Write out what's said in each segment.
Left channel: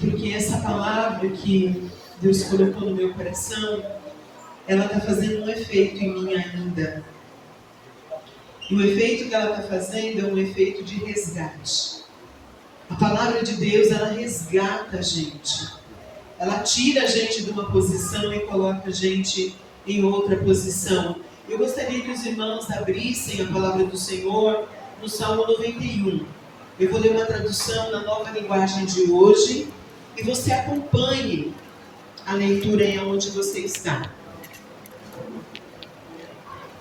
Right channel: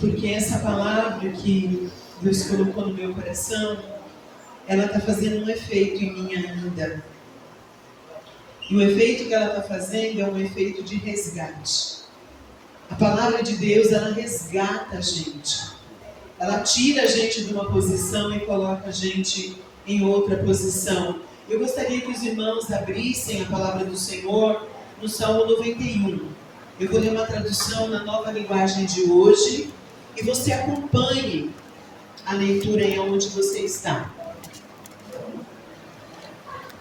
porque essa palavra que Deus colocou no meu coração, ela está fazendo um efeito em mim ainda. E o efeito que ela está fazendo é um efeito de resgate. A palavra de Deus, ela resgata a gente. Ela tira a gente de uma posição e coloca a gente em outra posição. Eu gostaria que os irmãos abrissem a palavra do Senhor no Salmo 91. Eu vou ler uma tradução na nova linguagem de hoje e você acompanhe a leitura em onde você está.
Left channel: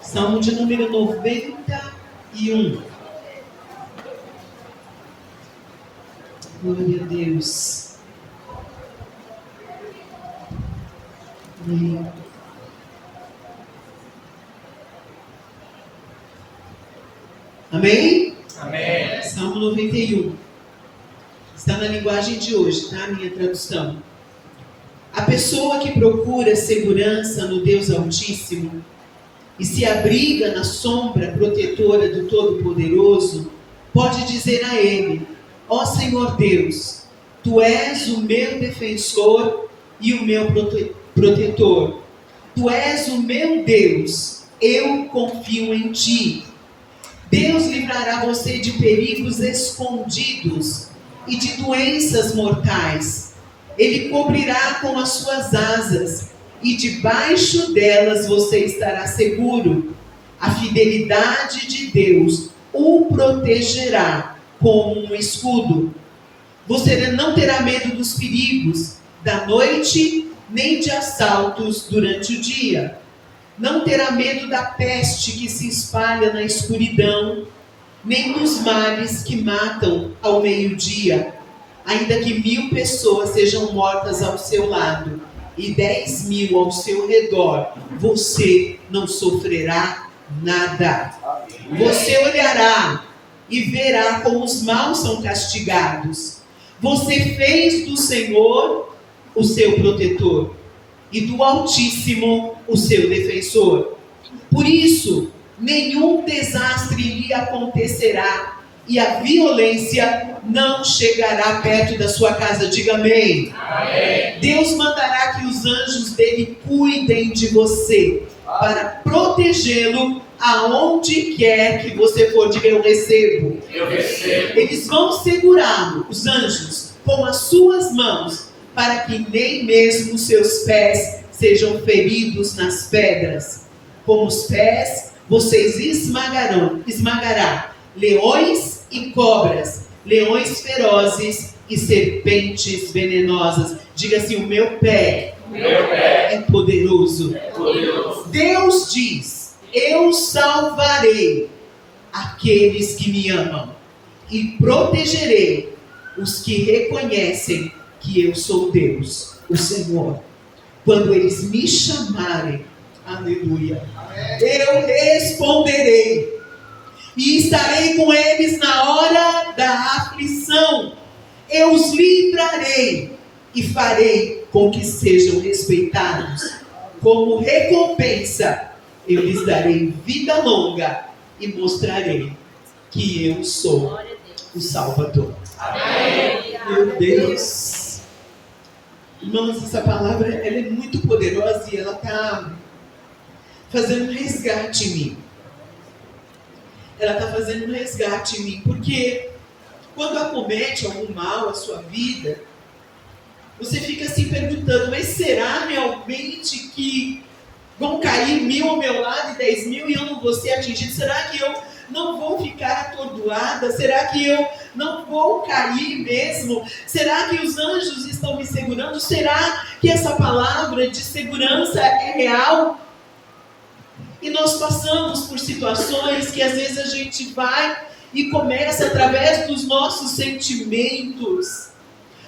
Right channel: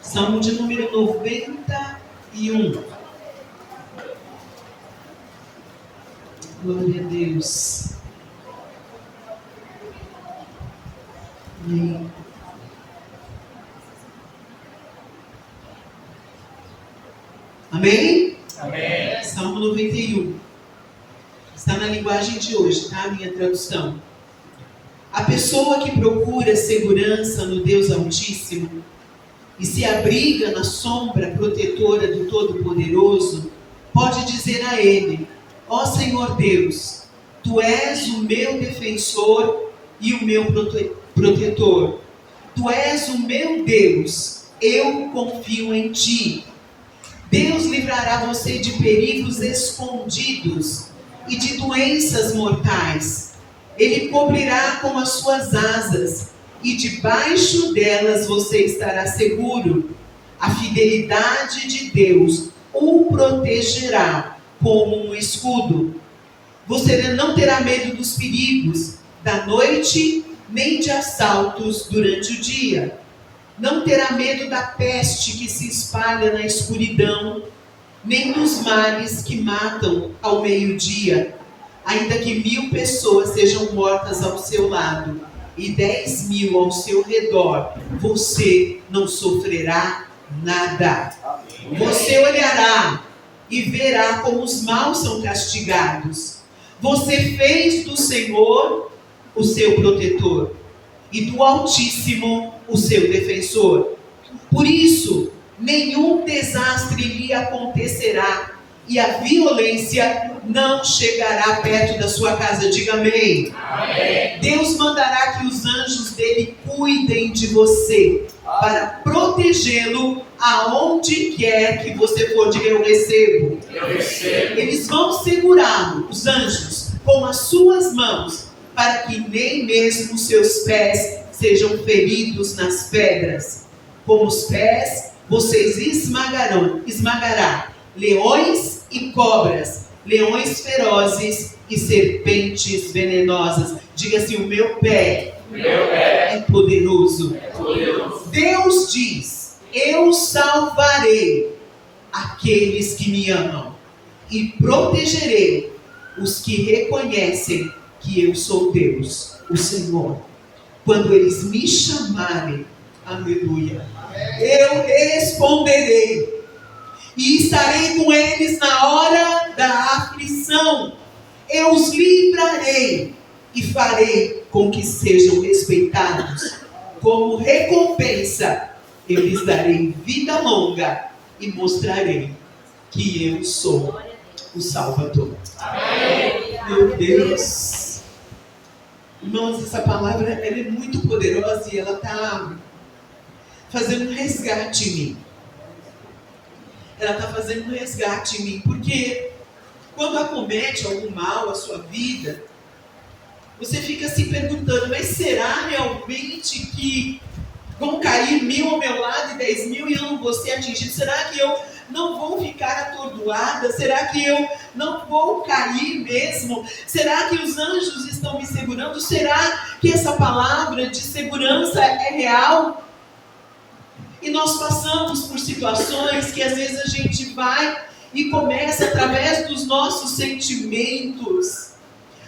Salmo de número 91. Glória a Deus. Amém. Amém? Amém. Salmo 91. Está na linguagem de hoje, tá? A minha tradução. A pessoa que procura segurança no Deus Altíssimo e se abriga na sombra protetora do Todo-Poderoso, pode dizer a Ele: ó Senhor Deus, Tu és o meu defensor e o meu protetor. Tu és o meu Deus, eu confio em Ti. Deus livrará você de perigos escondidos e de doenças mortais. Ele cobrirá com as suas asas e debaixo delas você estará seguro. A fidelidade de Deus o protegerá como um escudo. Você não terá medo dos perigos da noite, nem de assaltos durante o dia. Não terá medo da peste que se espalha na escuridão, nem dos males que matam ao meio-dia. Ainda que 1000 pessoas sejam mortas ao seu lado e 10.000 ao seu redor, você não sofrerá nada. Você olhará e verá como os maus são castigados. Você fez do Senhor o seu protetor e do Altíssimo o seu defensor. Por isso, nenhum desastre lhe acontecerá e a violência não chegará perto da sua casa. Diga amém. Amém. Deus mandará que os anjos dele cuidem de você para protegê-lo aonde quer que você for. Diga: eu recebo. Eu recebo. Eles vão segurá-lo, os anjos, com as suas mãos, para que nem mesmo seus pés sejam feridos nas pedras. Com os pés vocês esmagará leões e cobras, leões ferozes e serpentes venenosas. Diga assim: o meu pé é poderoso. Deus diz: eu salvarei aqueles que me amam e protegerei os que reconhecem que eu sou Deus, o Senhor. Quando eles me chamarem, aleluia, eu responderei e estarei com eles na hora da aflição. Eu os livrarei e farei com que sejam respeitados. Como recompensa, eu lhes darei vida longa e mostrarei que eu sou o Salvador. Amém. Meu Deus. Irmãos, essa palavra ela é muito poderosa e ela está fazendo um resgate em mim. Ela está fazendo um resgate em mim, porque quando acomete algum mal à sua vida, você fica se perguntando: mas será realmente que vão cair 1000 ao meu lado e 10.000 e eu não vou ser atingido? Será que eu não vou ficar atordoada? Será que eu não vou cair mesmo? Será que os anjos estão me segurando? Será que essa palavra de segurança é real? E nós passamos por situações que às vezes a gente vai e começa, através dos nossos sentimentos,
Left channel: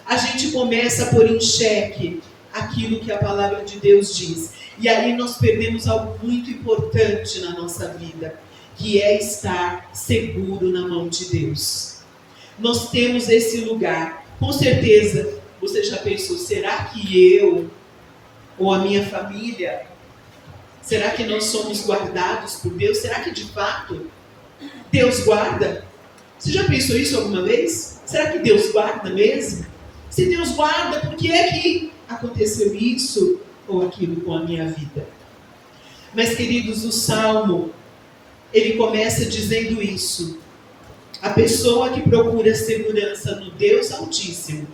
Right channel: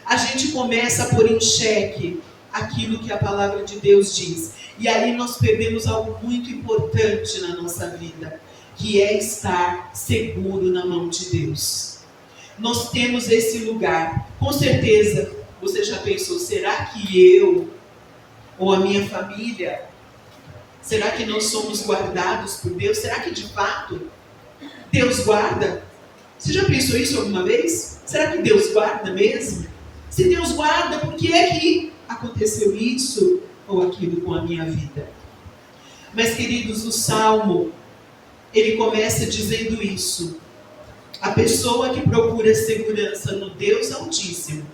a gente começa a pôr em xeque aquilo que a palavra de Deus diz. E aí nós perdemos algo muito importante na nossa vida, que é estar seguro na mão de Deus. Nós temos esse lugar. Com certeza, você já pensou: será que eu ou a minha família, será que nós somos guardados por Deus? Será que de fato Deus guarda? Você já pensou isso alguma vez? Será que Deus guarda mesmo? Se Deus guarda, por que é que aconteceu isso ou aquilo com a minha vida? Mas, queridos, o Salmo, ele começa dizendo isso. A pessoa que procura segurança no Deus Altíssimo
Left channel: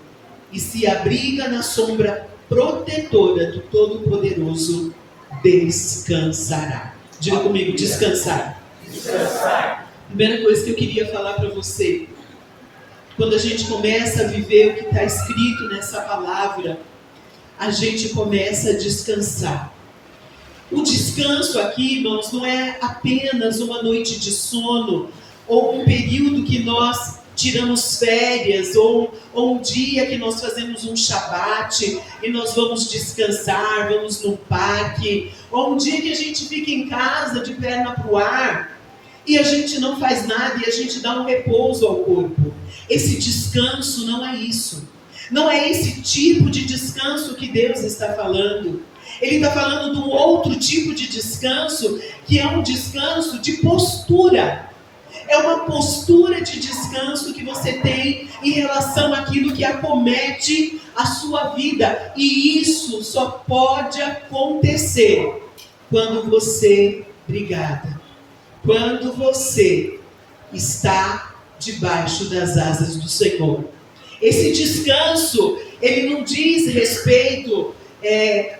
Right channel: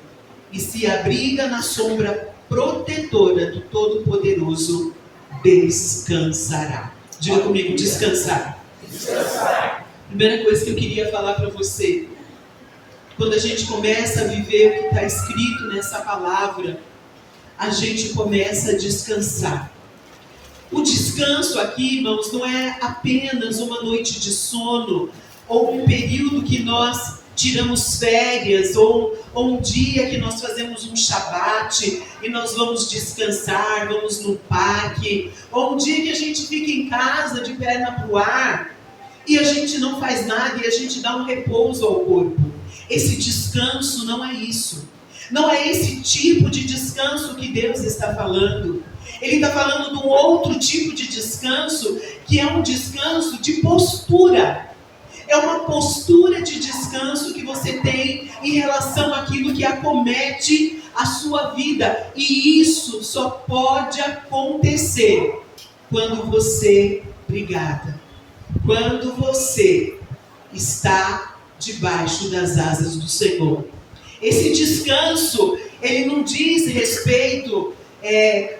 e se abriga na sombra protetora do Todo-Poderoso, descansará. Diga comigo, descansar. Descansar. Primeira coisa que eu queria falar para você, quando a gente começa a viver o que está escrito nessa palavra, a gente começa a descansar. O descanso aqui, irmãos, não é apenas uma noite de sono, ou um período que nós tiramos férias, ou um dia que nós fazemos um shabat e nós vamos descansar, vamos no parque, ou um dia que a gente fica em casa de perna para o ar e a gente não faz nada e a gente dá um repouso ao corpo. Esse descanso não é isso. Não é esse tipo de descanso que Deus está falando. Ele está falando de um outro tipo de descanso, que é um descanso de postura. É uma postura de descanso que você tem em relação àquilo que acomete a sua vida. E isso só pode acontecer quando você, quando você está debaixo das asas do Senhor. Esse descanso, ele não diz respeito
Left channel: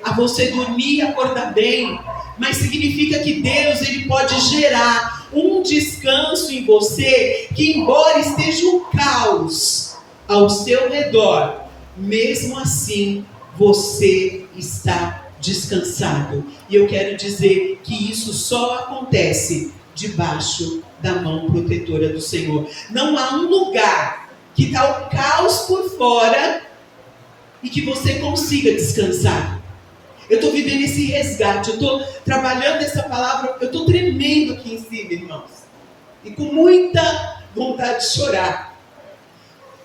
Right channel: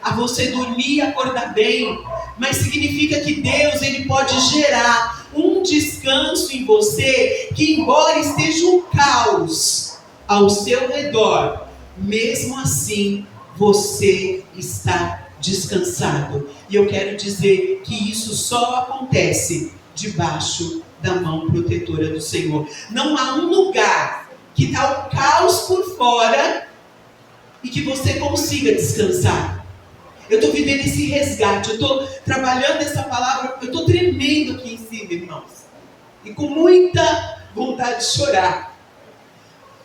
a você dormir e acordar bem, mas significa que Deus, ele pode gerar um descanso em você, que embora esteja um caos ao seu redor, mesmo assim você está descansado. E eu quero dizer que isso só acontece debaixo da mão protetora do Senhor. Não há um lugar que está o caos por fora e que você consiga descansar. Eu estou vivendo esse resgate, eu estou trabalhando essa palavra, eu estou tremendo aqui em cima, irmãos. E com muita vontade de chorar.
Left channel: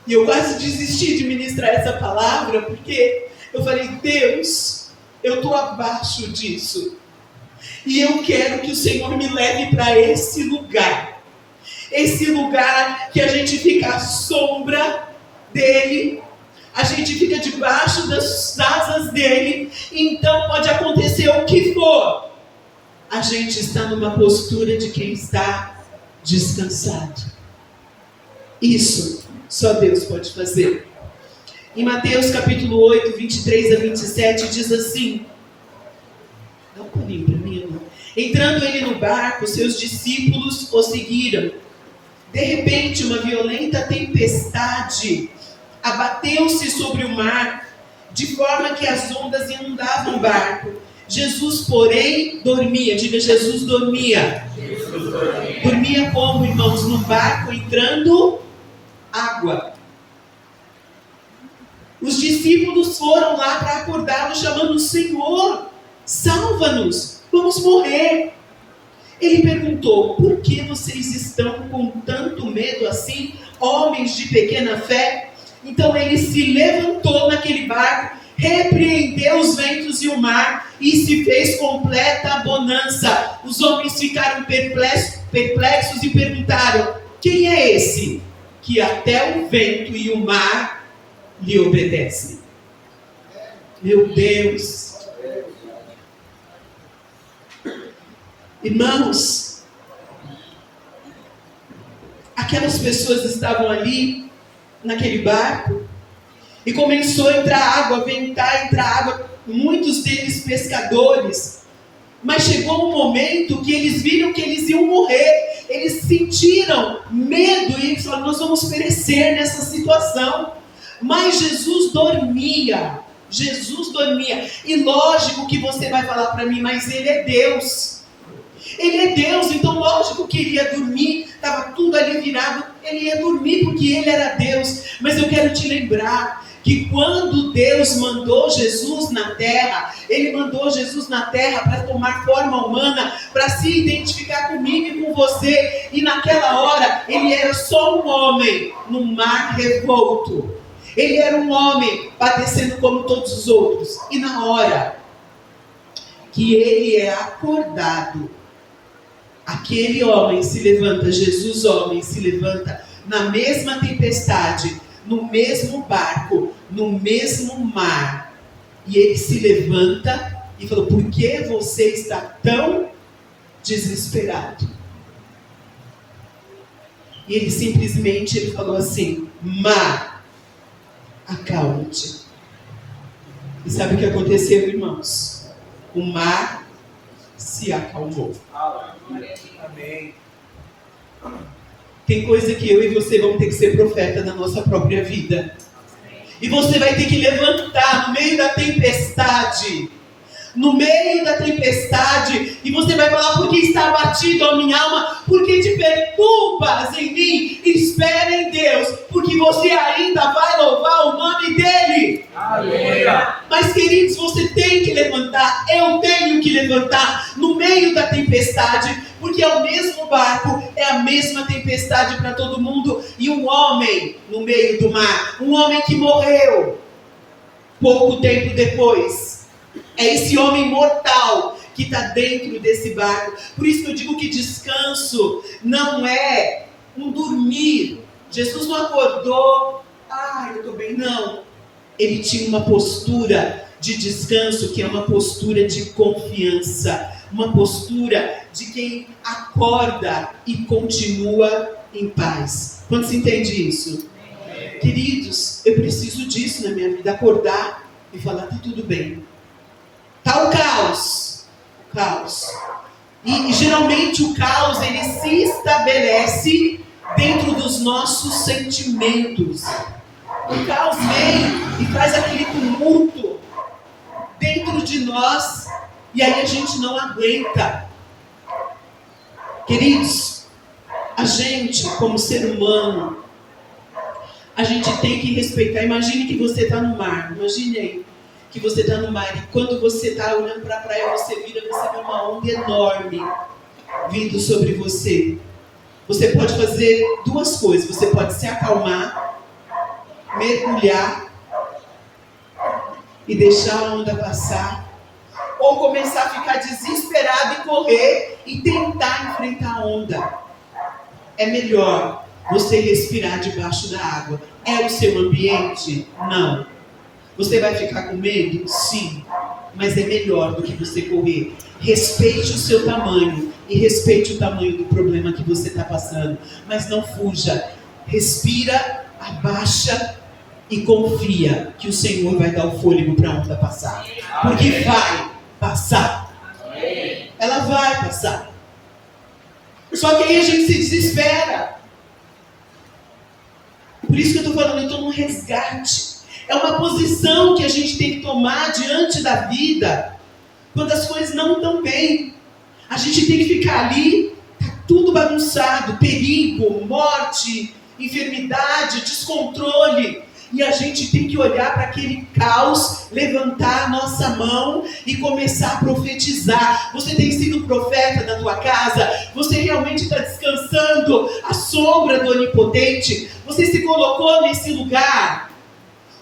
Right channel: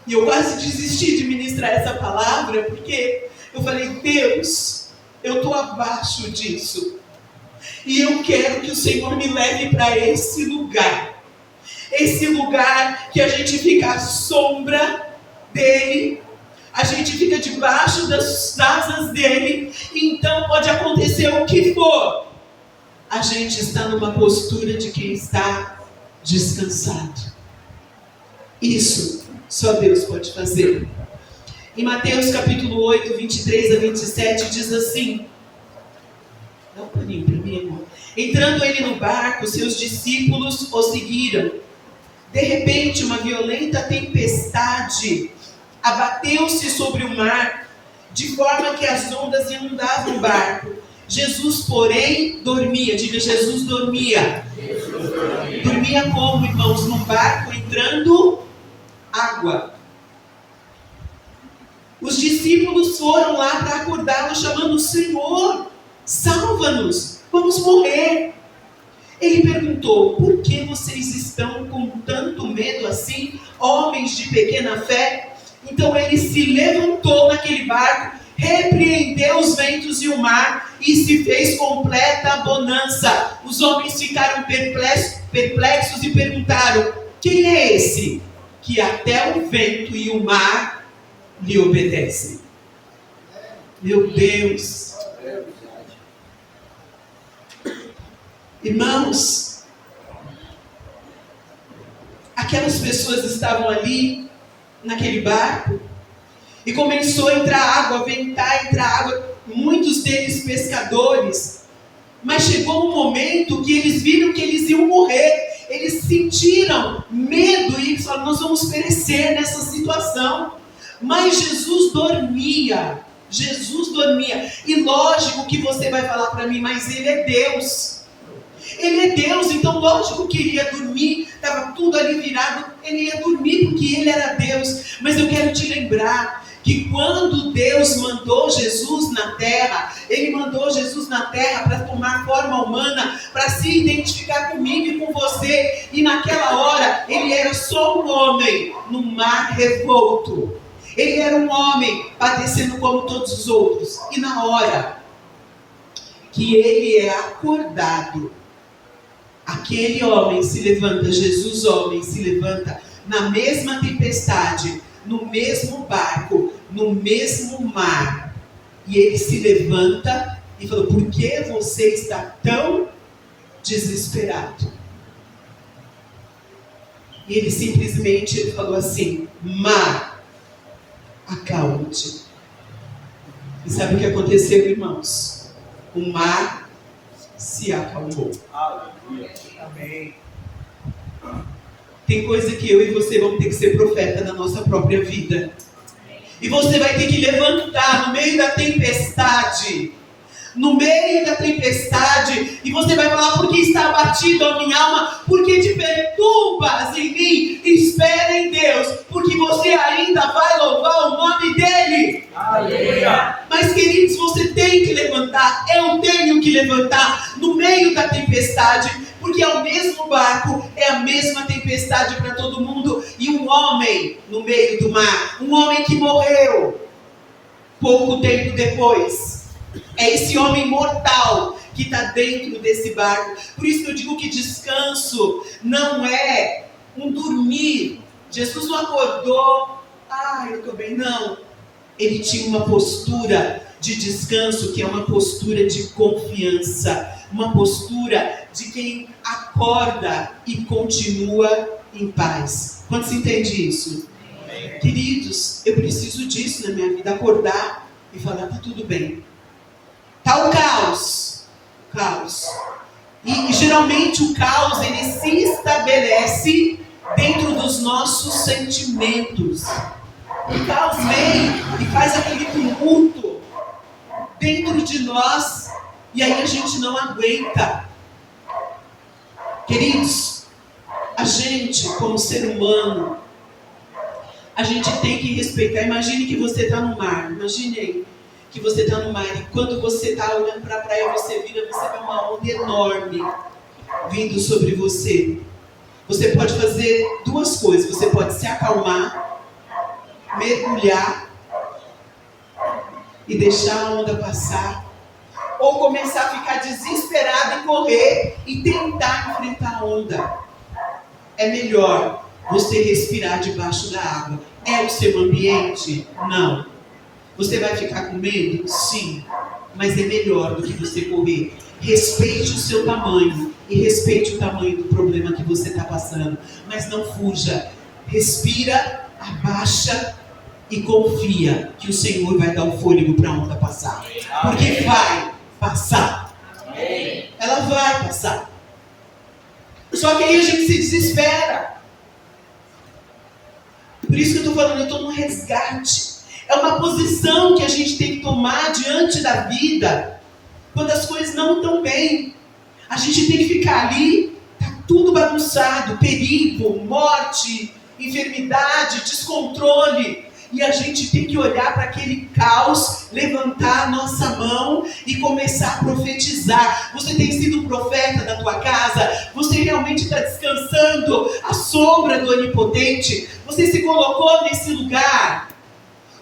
E eu quase desisti de ministrar essa palavra, porque eu falei, Deus, eu estou abaixo disso. E eu quero que o Senhor me leve para esse lugar. Esse lugar que a gente fica à sombra dEle. A gente fica debaixo das asas dEle. Então pode acontecer o que for. A gente está numa postura de quem está descansado. Isso só Deus pode fazer. Em Mateus capítulo 8, 23 a 27 diz assim. Dá um paninho para mim, irmão. Entrando ele no barco, seus discípulos o seguiram. De repente, uma violenta tempestade abateu-se sobre o mar, de forma que as ondas inundavam o barco. Jesus, porém, dormia. Diga, Jesus dormia. Jesus dormia. Dormia como, irmãos? No barco entrando água. Os discípulos foram lá para acordá-lo, chamando: Senhor, salva-nos, vamos morrer. Ele perguntou: por que vocês estão com tanto medo assim, homens de pequena fé? Então ele se levantou naquele barco, repreendeu os ventos e o mar e se fez completa bonança. Os homens ficaram perplexos e perguntaram: quem é esse que até o vento e o mar lhe obedecem? Meu Deus! Irmãos, aquelas pessoas estavam ali naquele barco e começou a entrar água, a ventar, entrar água, muitos deles pescadores, mas chegou um momento que eles viram que eles iam morrer, eles sentiram medo e eles falaram: nós vamos perecer nessa situação. Mas Jesus dormia, e lógico que você vai falar para mim, mas ele é Deus. Ele é Deus, então lógico que ele ia dormir, estava tudo ali virado, ele ia dormir porque ele era Deus. Mas eu quero te lembrar que quando Deus mandou Jesus na terra, ele mandou Jesus na terra para tomar forma humana, para se identificar comigo e com você. E naquela hora, ele era só um homem no mar revolto. Ele era um homem padecendo como todos os outros. E na hora que ele é acordado, aquele homem se levanta, Jesus homem se levanta na mesma tempestade, no mesmo barco, no mesmo mar. E ele se levanta e falou: por que você está tão desesperado? E ele simplesmente falou assim: mar, acalma-te. E sabe o que aconteceu, irmãos? O mar se acalmou. Amém. Tem coisa que eu e você vamos ter que ser profeta na nossa própria vida. E você vai ter que levantar no meio da tempestade. No meio da tempestade. E você vai falar: por que está abatido a minha alma? Porque te perturbas em mim. Espera em Deus, porque você ainda vai louvar o nome dEle. Aleluia. Mas, queridos, você tem que levantar. Eu tenho que levantar no meio da tempestade. Porque é o mesmo barco, é a mesma tempestade para todo mundo. E um homem no meio do mar, um homem que morreu pouco tempo depois, é esse homem mortal que está dentro desse barco. Por isso que eu digo que descanso não é um dormir. Jesus não acordou: eu estou bem. Não. Ele tinha uma postura de descanso, que é uma postura de confiança, uma postura de quem acorda e continua em paz. Quando se entende isso? Amém. Queridos, eu preciso disso na minha vida, acordar e falar: tá tudo bem. Tá o caos. E geralmente o caos, ele se estabelece dentro dos nossos sentimentos. O caos vem e faz aquele tumulto dentro de nós, e aí a gente não aguenta. Queridos, a gente, como ser humano, a gente tem que respeitar. Imagine que você está no mar. Imagine aí que você está no mar, e quando você está olhando para a praia, você vira, você vê uma onda enorme vindo sobre você. Você pode fazer duas coisas: você pode se acalmar, mergulhar e deixar a onda passar, ou começar a ficar desesperado e correr e tentar enfrentar a onda. É melhor você respirar debaixo da água. É o seu ambiente? Não. Você vai ficar com medo? Sim. Mas é melhor do que você correr. Respeite o seu tamanho e respeite o tamanho do problema que você está passando. Mas não fuja. Respira, abaixa e confia que o Senhor vai dar o fôlego para a onda passar. Porque vai passar. Ela vai passar. Só que aí a gente se desespera. Por isso que eu estou falando, eu estou num resgate. É uma posição que a gente tem que tomar diante da vida, quando as coisas não estão bem. A gente tem que ficar ali, está tudo bagunçado, perigo, morte, enfermidade, descontrole. E a gente tem que olhar para aquele caos, levantar a nossa mão e começar a profetizar. Você tem sido profeta da tua casa? Você realmente está descansando à sombra do Onipotente? Você se colocou nesse lugar?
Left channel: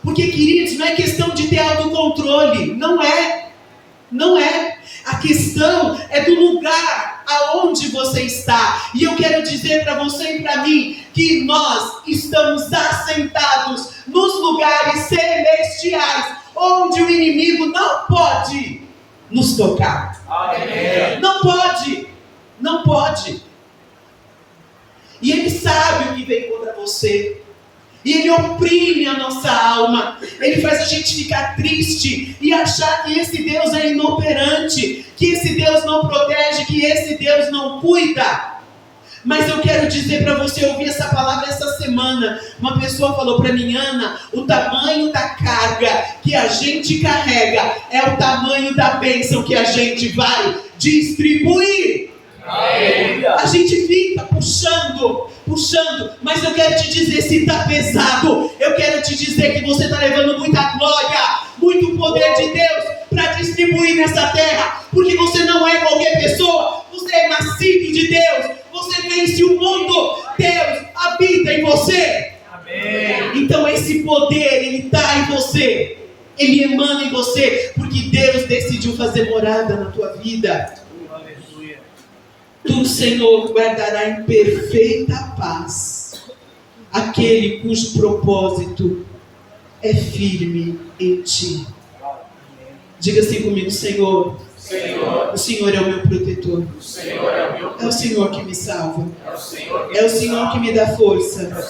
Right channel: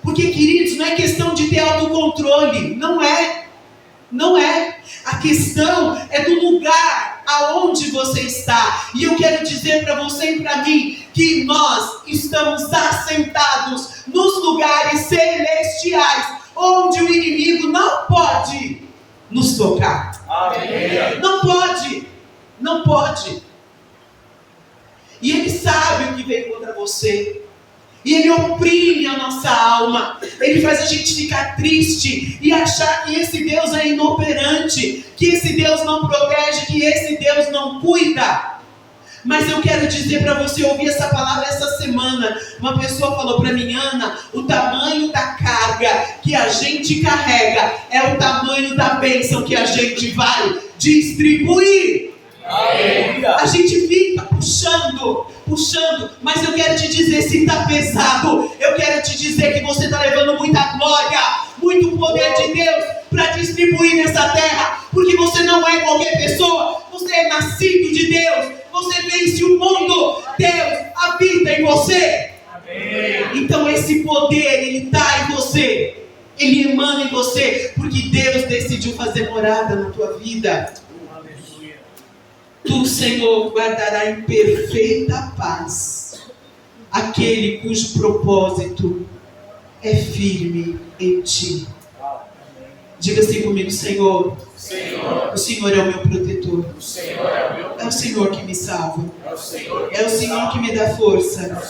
Porque, queridos, não é questão de ter autocontrole. Não é. Não é. A questão é do lugar aonde você está. E eu quero dizer para você e para mim que nós estamos assentados nos lugares celestiais, onde o inimigo não pode nos tocar. Amém. Não pode. Não pode. E ele sabe o que vem contra você. E ele oprime a nossa alma. Ele faz a gente ficar triste e achar que esse Deus é inoperante, que esse Deus não protege, que esse Deus não cuida. Mas eu quero dizer para você, ouvir essa palavra essa semana. Uma pessoa falou para mim: Ana, o tamanho da carga que a gente carrega é o tamanho da bênção que a gente vai distribuir. A gente fica puxando, mas eu quero te dizer, se está pesado, eu quero te dizer que você está levando muita glória, muito poder de Deus para distribuir nessa terra, porque você não é qualquer pessoa, você é nascido de Deus, você vence o mundo, Deus habita em você. Amém. Então esse poder, ele está em você, ele emana em você, porque Deus decidiu fazer morada na tua vida. Tu, Senhor, guardará em perfeita paz aquele cujo propósito é firme em ti. Diga assim comigo: Senhor, o Senhor é o meu protetor. É o Senhor que me salva. É o Senhor que me dá força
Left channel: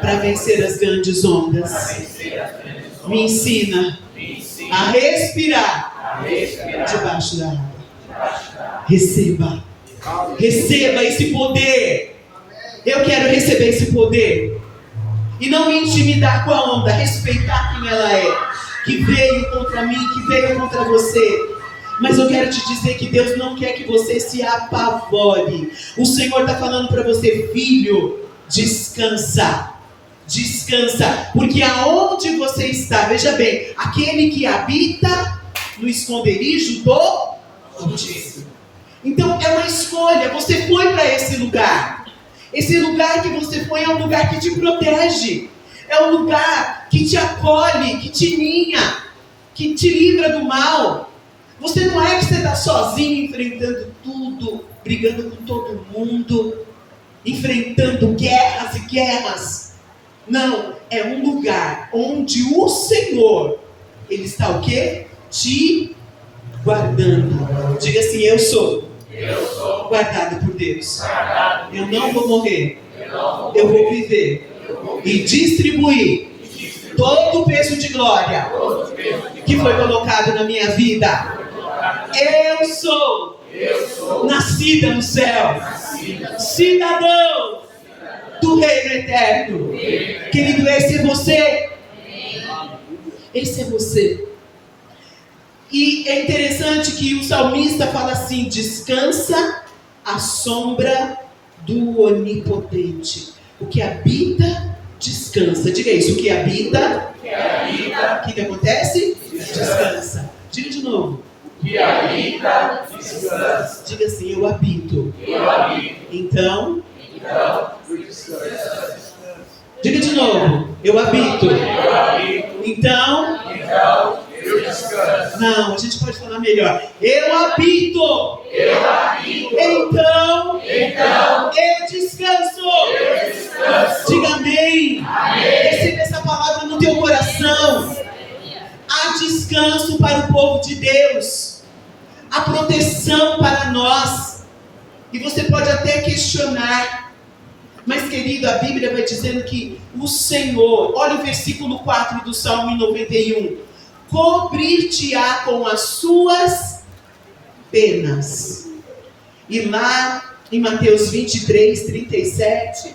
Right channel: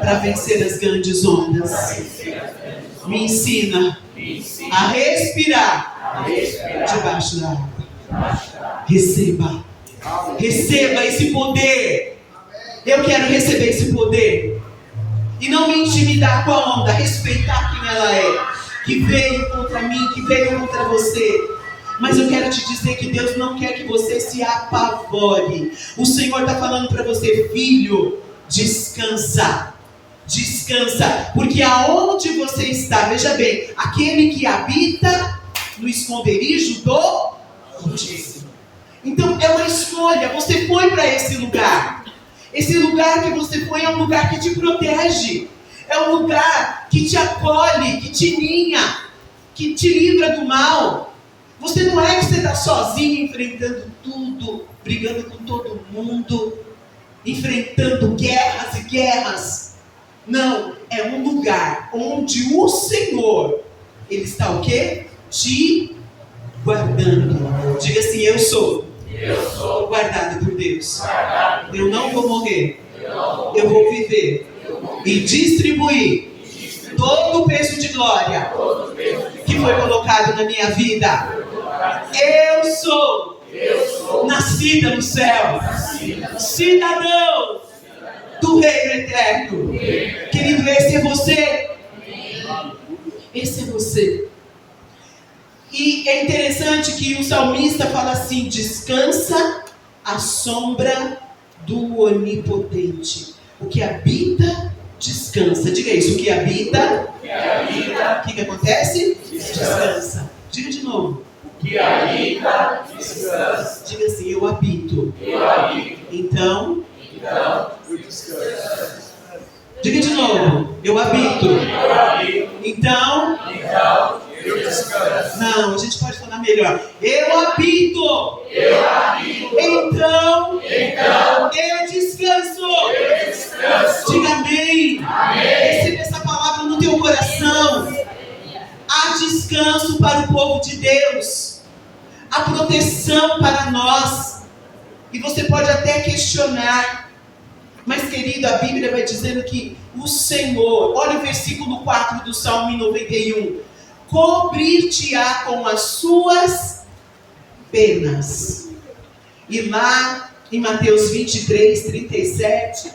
para vencer as grandes ondas. Me ensina a respirar debaixo da água. Receba esse poder. Eu quero receber esse poder e não me intimidar com a onda, respeitar quem ela é, que veio contra mim, que veio contra você. Mas eu quero te dizer que Deus não quer que você se apavore. O Senhor está falando para você: filho, descansa. Descansa, porque aonde você está, veja bem, aquele que habita no esconderijo do Altíssimo. Então é uma escolha, você foi para esse lugar. Esse lugar que você foi é um lugar que te protege. É um lugar que te acolhe, que te ninha, que te livra do mal. Você não é que você está sozinho enfrentando tudo, brigando com todo mundo, enfrentando guerras e guerras. Não, é um lugar onde o Senhor, Ele está o quê? Te guardando. Diga assim: eu sou guardado por Deus. Eu não vou morrer. Eu vou viver e distribuir todo o peso de glória que foi colocado na minha vida. Eu sou nascida no céu, cidadão do reino eterno. Querido, esse é você. Esse é você. E é interessante que o salmista fala assim: descansa à sombra do Onipotente. O que habita, descansa. Diga isso: o que habita, o que acontece? Descansa. Diga de novo: o que habita, descansa. Diga assim: eu habito. Então, eu descanso. Diga de novo: eu habito. Então, eu descanso. Não, a gente pode falar melhor: eu habito. Então, eu descanso. Diga amém. Receba essa palavra no teu coração. Há descanso para o povo de Deus. Há proteção para nós. E você pode até questionar, mas querido, a Bíblia vai dizendo que o Senhor, olha o versículo 4 do Salmo 91, cobrir-te-á com as suas penas. E lá em Mateus 23, 37,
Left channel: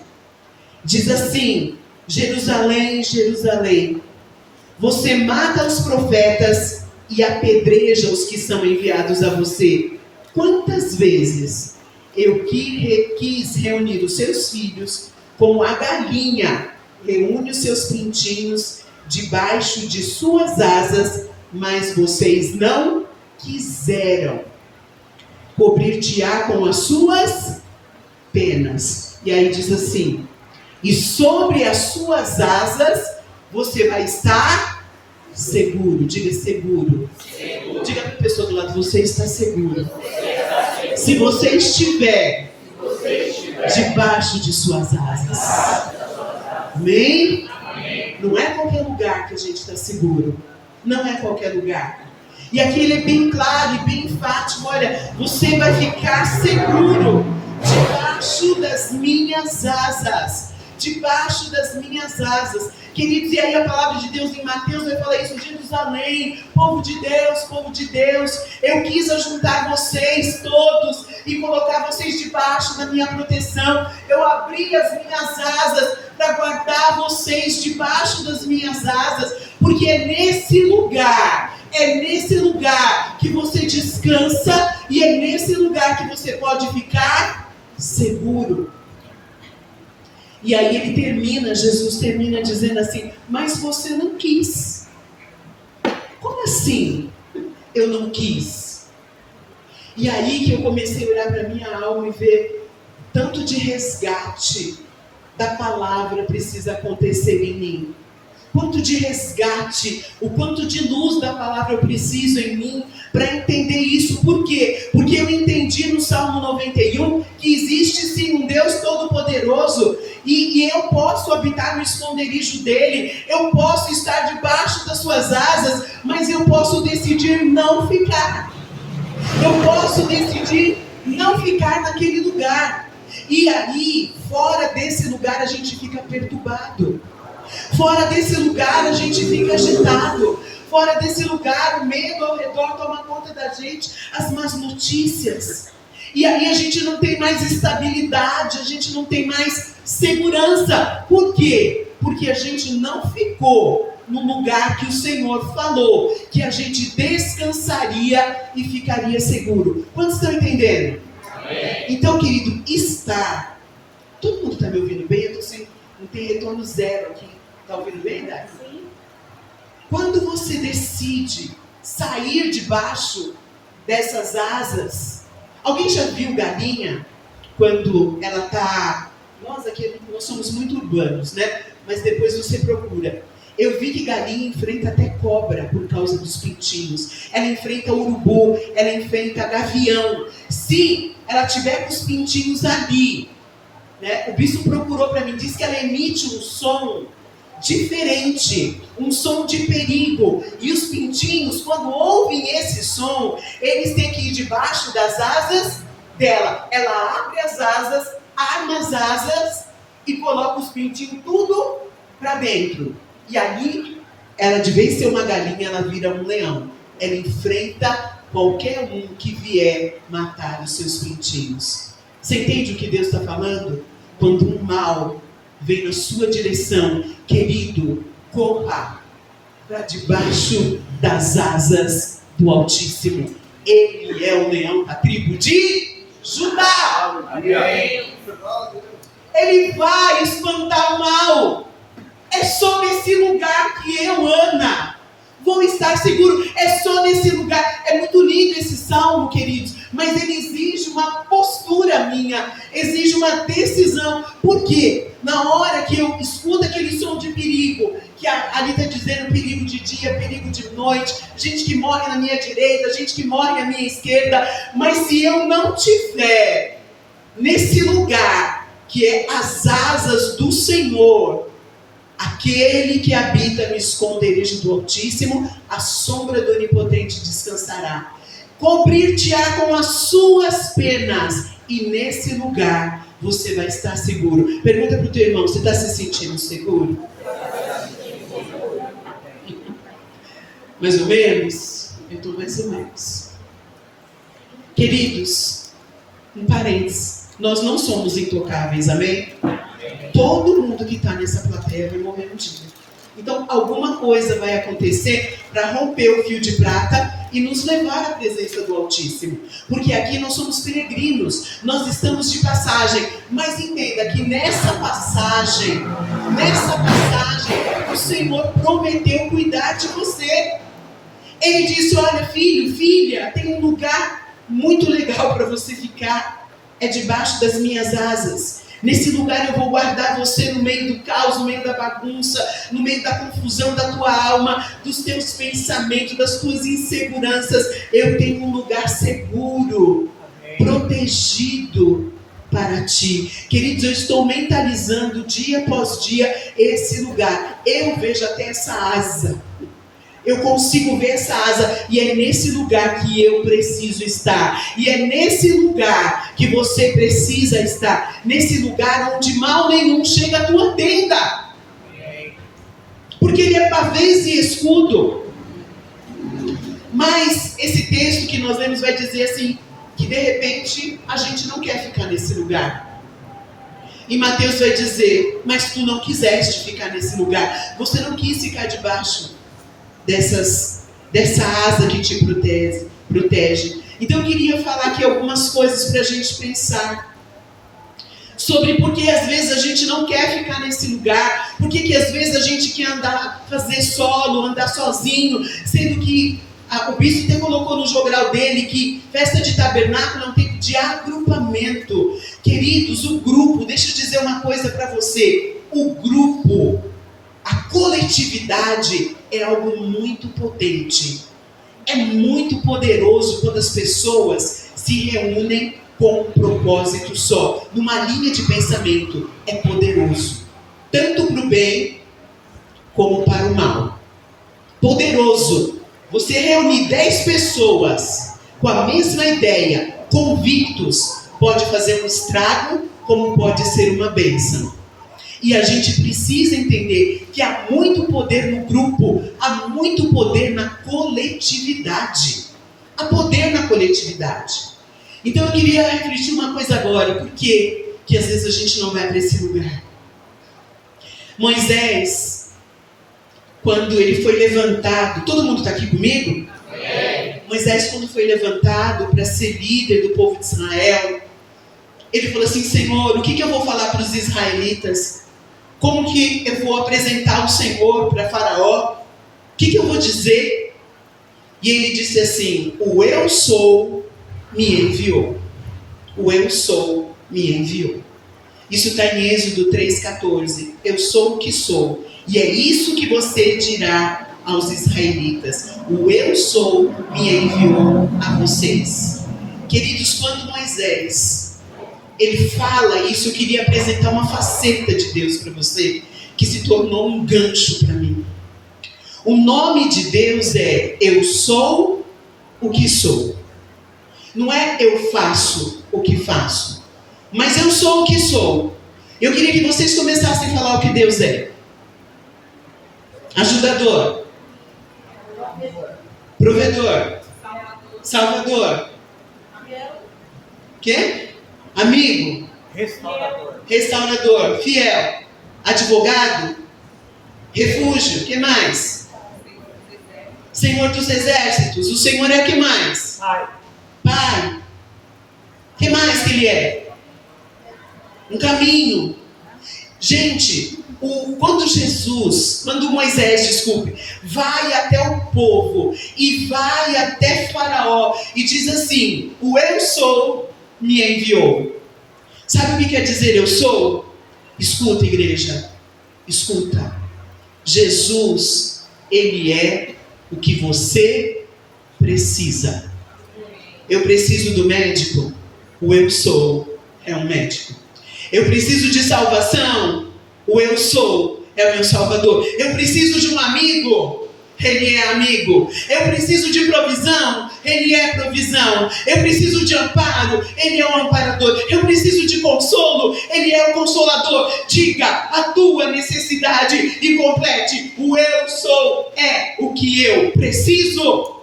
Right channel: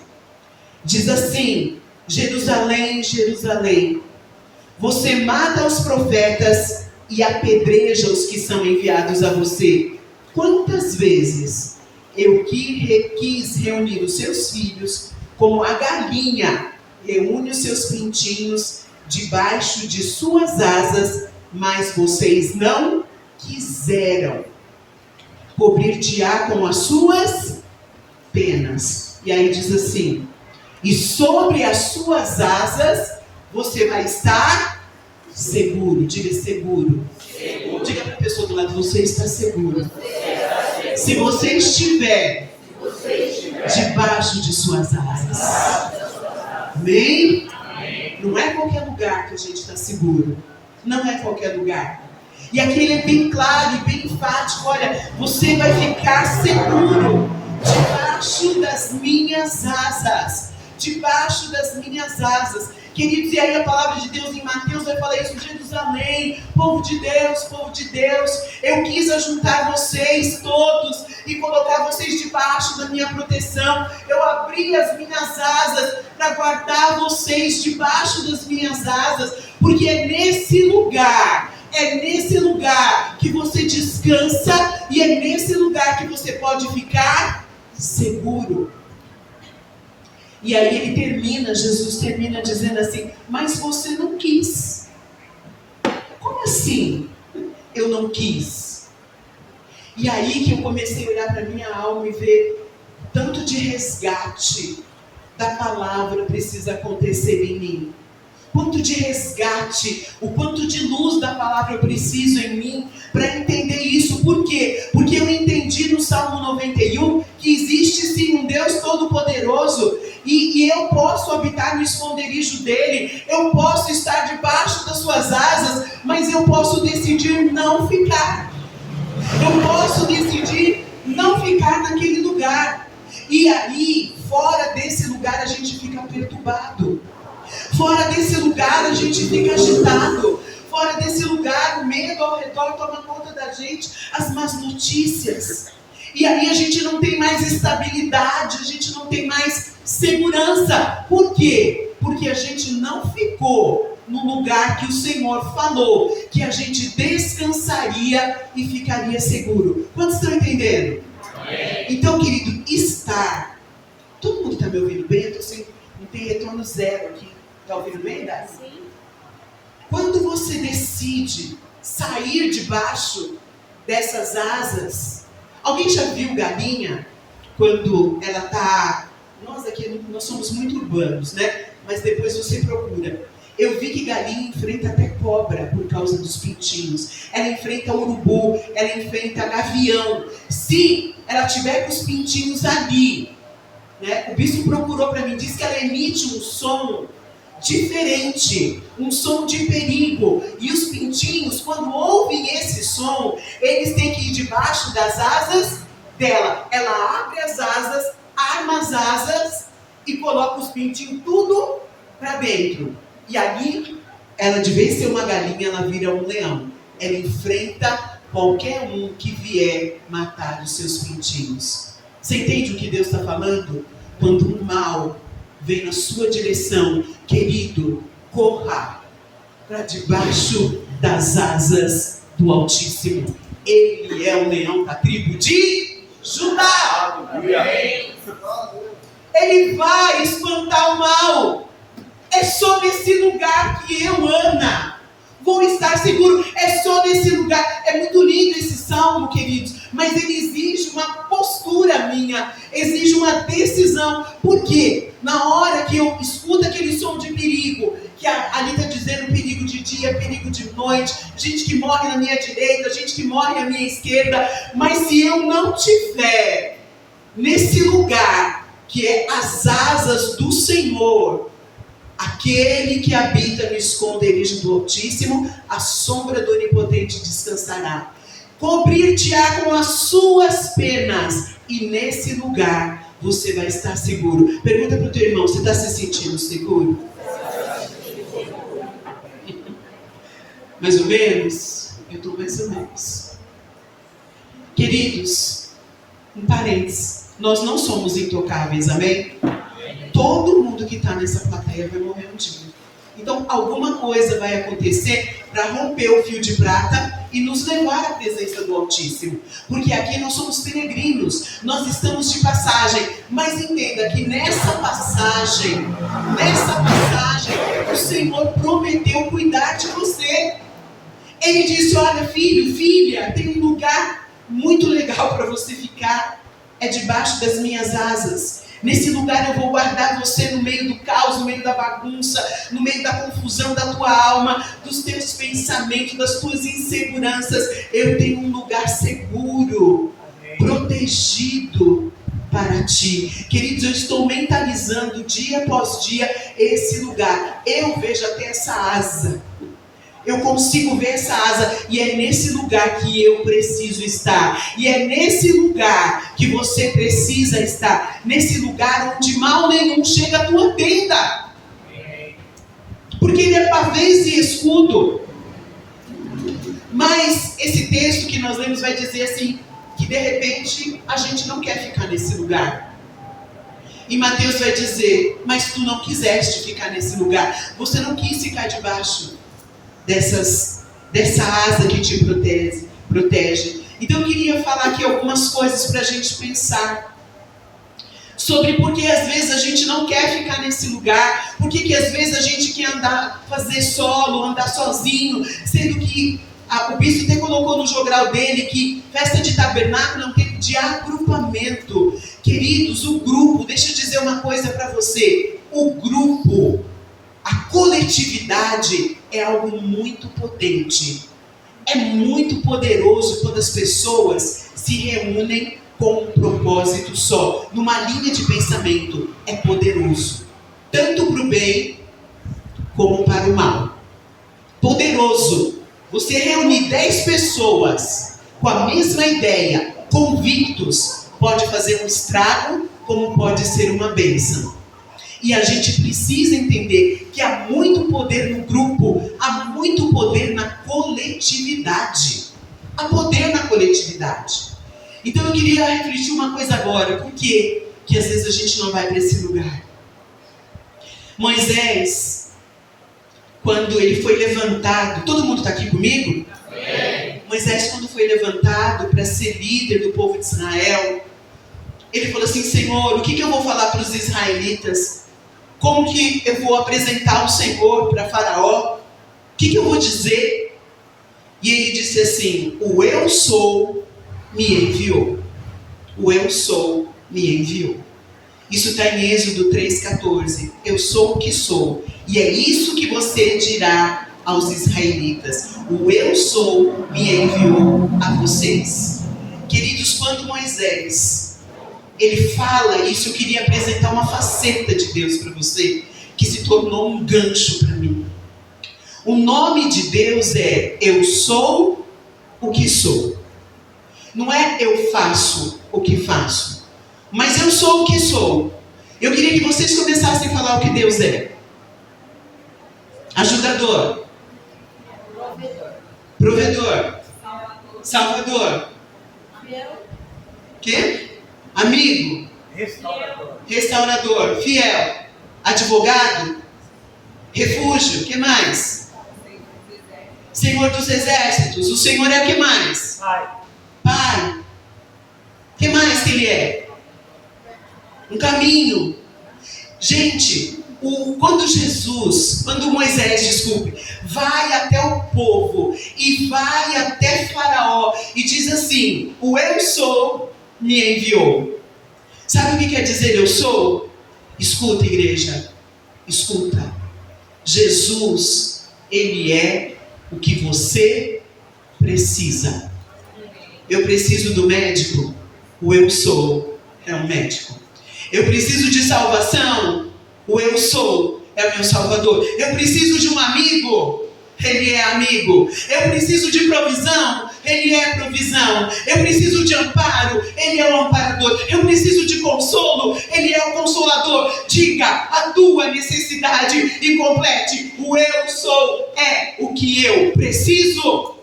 diz assim: Jerusalém, Jerusalém, você mata os profetas e apedreja os que são enviados a você. Quantas vezes eu quis reunir os seus filhos, como a galinha reúne os seus pintinhos debaixo de suas asas, mas vocês não quiseram. Cobrir-te-á com as suas penas. E aí diz assim: e sobre as suas asas você vai estar seguro. Diga seguro. Diga para a pessoa do lado: você está seguro. Se você estiver debaixo de suas asas. Amém? Não é qualquer lugar que a gente está seguro. Não é qualquer lugar. E aqui ele é bem claro e bem enfático: olha, você vai ficar seguro debaixo das minhas asas. Debaixo das minhas asas. Queridos, e aí a palavra de Deus em Mateus vai falar isso: Jerusalém, povo de Deus, eu quis ajuntar vocês todos e colocar vocês debaixo da minha proteção. Eu abri as minhas asas para guardar vocês debaixo das minhas asas, porque é nesse lugar que você descansa e é nesse lugar que você pode ficar seguro. E aí Jesus termina dizendo assim: mas você não quis. Como assim? Eu não quis. E aí que eu comecei a olhar para a minha alma e ver tanto de resgate da palavra precisa acontecer em mim. Quanto de resgate, o quanto de luz da palavra eu preciso em mim para entender isso. Por quê? Porque eu entendi no Salmo 91 que existe sim um Deus Todo-Poderoso e eu posso habitar no esconderijo dele, eu posso estar debaixo das suas asas, mas eu posso decidir não ficar. Eu posso decidir não ficar naquele lugar. E aí, fora desse lugar, a gente fica perturbado. Fora desse lugar, a gente fica agitado. Fora desse lugar, o medo ao redor toma conta da gente, as más notícias. E aí a gente não tem mais estabilidade, a gente não tem mais segurança. Por quê? Porque a gente não ficou no lugar que o Senhor falou, que a gente descansaria e ficaria seguro. Quantos estão entendendo? Amém. Então, querido, estar. Todo mundo está me ouvindo bem? Eu estou sem. Não tem retorno zero aqui. Está ouvindo bem, Dai? Sim. Quando você decide sair debaixo dessas asas, alguém já viu galinha quando ela está... Nós aqui, nós somos muito urbanos, né? Mas depois você procura. Eu vi que galinha enfrenta até cobra por causa dos pintinhos. Ela enfrenta urubu, ela enfrenta gavião. Se ela tiver com os pintinhos ali, né? O bispo procurou para mim, disse que ela emite um som diferente, um som de perigo. E os pintinhos, quando ouvem esse som, eles têm que ir debaixo das asas dela. Ela abre as asas, arma as asas e coloca os pintinhos tudo para dentro. E ali, ela de vez de ser uma galinha, ela vira um leão. Ela enfrenta qualquer um que vier matar os seus pintinhos. Você entende o que Deus está falando? Quando um mal vem na sua direção, querido, corra para debaixo das asas do Altíssimo. Ele é o leão da tribo de Judá. Amém. Ele vai espantar o mal. É só nesse lugar que eu, Ana, vou estar seguro. É só nesse lugar. É muito lindo esse salmo, queridos, mas ele exige uma postura minha, exige uma decisão. Por quê? Na hora que eu escuto aquele som de perigo, que ali está dizendo perigo de dia, perigo de noite, gente que morre na minha direita, gente que morre na minha esquerda, mas se eu não tiver nesse lugar, que é as asas do Senhor, aquele que habita no esconderijo do Altíssimo, a sombra do Onipotente descansará. Cobrir-te-á com as suas penas, e nesse lugar você vai estar seguro. Pergunta para o teu irmão, você está se sentindo seguro? Mais ou menos? Eu estou mais ou menos. Queridos, um parênteses, nós não somos intocáveis, amém? Todo mundo que está nessa plateia vai morrer um dia. Então, alguma coisa vai acontecer para romper o fio de prata e nos levar à presença do Altíssimo. Porque aqui nós somos peregrinos, nós estamos de passagem. Mas entenda que nessa passagem, o Senhor prometeu cuidar de você. Ele disse, olha, filho, filha, tem um lugar muito legal para você ficar. É debaixo das minhas asas. Nesse lugar eu vou guardar você no meio do caos, no meio da bagunça, no meio da confusão da tua alma, dos teus pensamentos, das tuas inseguranças. Eu tenho um lugar seguro, protegido para ti. Queridos, eu estou mentalizando dia após dia esse lugar. Eu vejo até essa asa. Eu consigo ver essa asa, e é nesse lugar que eu preciso estar. E é nesse lugar que você precisa estar. Nesse lugar onde mal nenhum chega à tua tenda. Porque ele é pavês e escudo. Mas esse texto que nós lemos vai dizer assim, que de repente a gente não quer ficar nesse lugar. E Mateus vai dizer, mas tu não quiseste ficar nesse lugar. Você não quis ficar debaixo dessa asa que te protege. Então eu queria falar aqui algumas coisas para a gente pensar sobre por que às vezes a gente não quer ficar nesse lugar, por que às vezes a gente quer fazer solo, andar sozinho, sendo que o bispo até colocou no jogral dele que festa de tabernáculo é um tempo de agrupamento. Queridos, o grupo, deixa eu dizer uma coisa para você, o grupo, a coletividade é algo muito potente. É muito poderoso quando as pessoas se reúnem com um propósito só, numa linha de pensamento, é poderoso, tanto para o bem como para o mal. Poderoso. Você reunir 10 pessoas com a mesma ideia, convictos, pode fazer um estrago, como pode ser uma bênção. E a gente precisa entender que há muito poder no grupo, há muito poder na coletividade. Há poder na coletividade. Então eu queria refletir uma coisa agora. Por quê que às vezes a gente não vai para esse lugar? Moisés, quando ele foi levantado, todo mundo está aqui comigo? Amém. Moisés, quando foi levantado para ser líder do povo de Israel, ele falou assim: Senhor, o que eu vou falar para os israelitas? Como que eu vou apresentar o Senhor para Faraó? O que eu vou dizer? E ele disse assim: o eu sou me enviou. O eu sou me enviou. Isso está em Êxodo 3,14. Eu sou o que sou. E é isso que você dirá aos israelitas: o eu sou me enviou a vocês. Queridos, quando Moisés ele fala isso, eu queria apresentar uma faceta de Deus para você, que se tornou um gancho para mim. O nome de Deus é eu sou o que sou. Não é eu faço o que faço, mas eu sou o que sou. Eu queria que vocês começassem a falar o que Deus é. Ajudador. Provedor. Salvador. Quê? Amigo. Restaurador. Fiel. Advogado. Refúgio. O que mais? Senhor dos exércitos. O Senhor é o que mais? Pai. O que mais que Ele é? Um caminho. Gente, quando Moisés, vai até o povo e vai até Faraó e diz assim: o eu sou me enviou. Sabe o que quer dizer eu sou? Escuta, igreja, escuta. Jesus, Ele é o que você precisa. Eu preciso do médico? O eu sou é um médico. Eu preciso de salvação? O eu sou é o meu salvador. Eu preciso de um amigo? Ele é amigo. Eu preciso de provisão? Ele é provisão. Eu preciso de amparo? Ele é o amparador. Eu preciso de consolo? Ele é o consolador. Diga a tua necessidade e complete. O eu sou é o que eu preciso.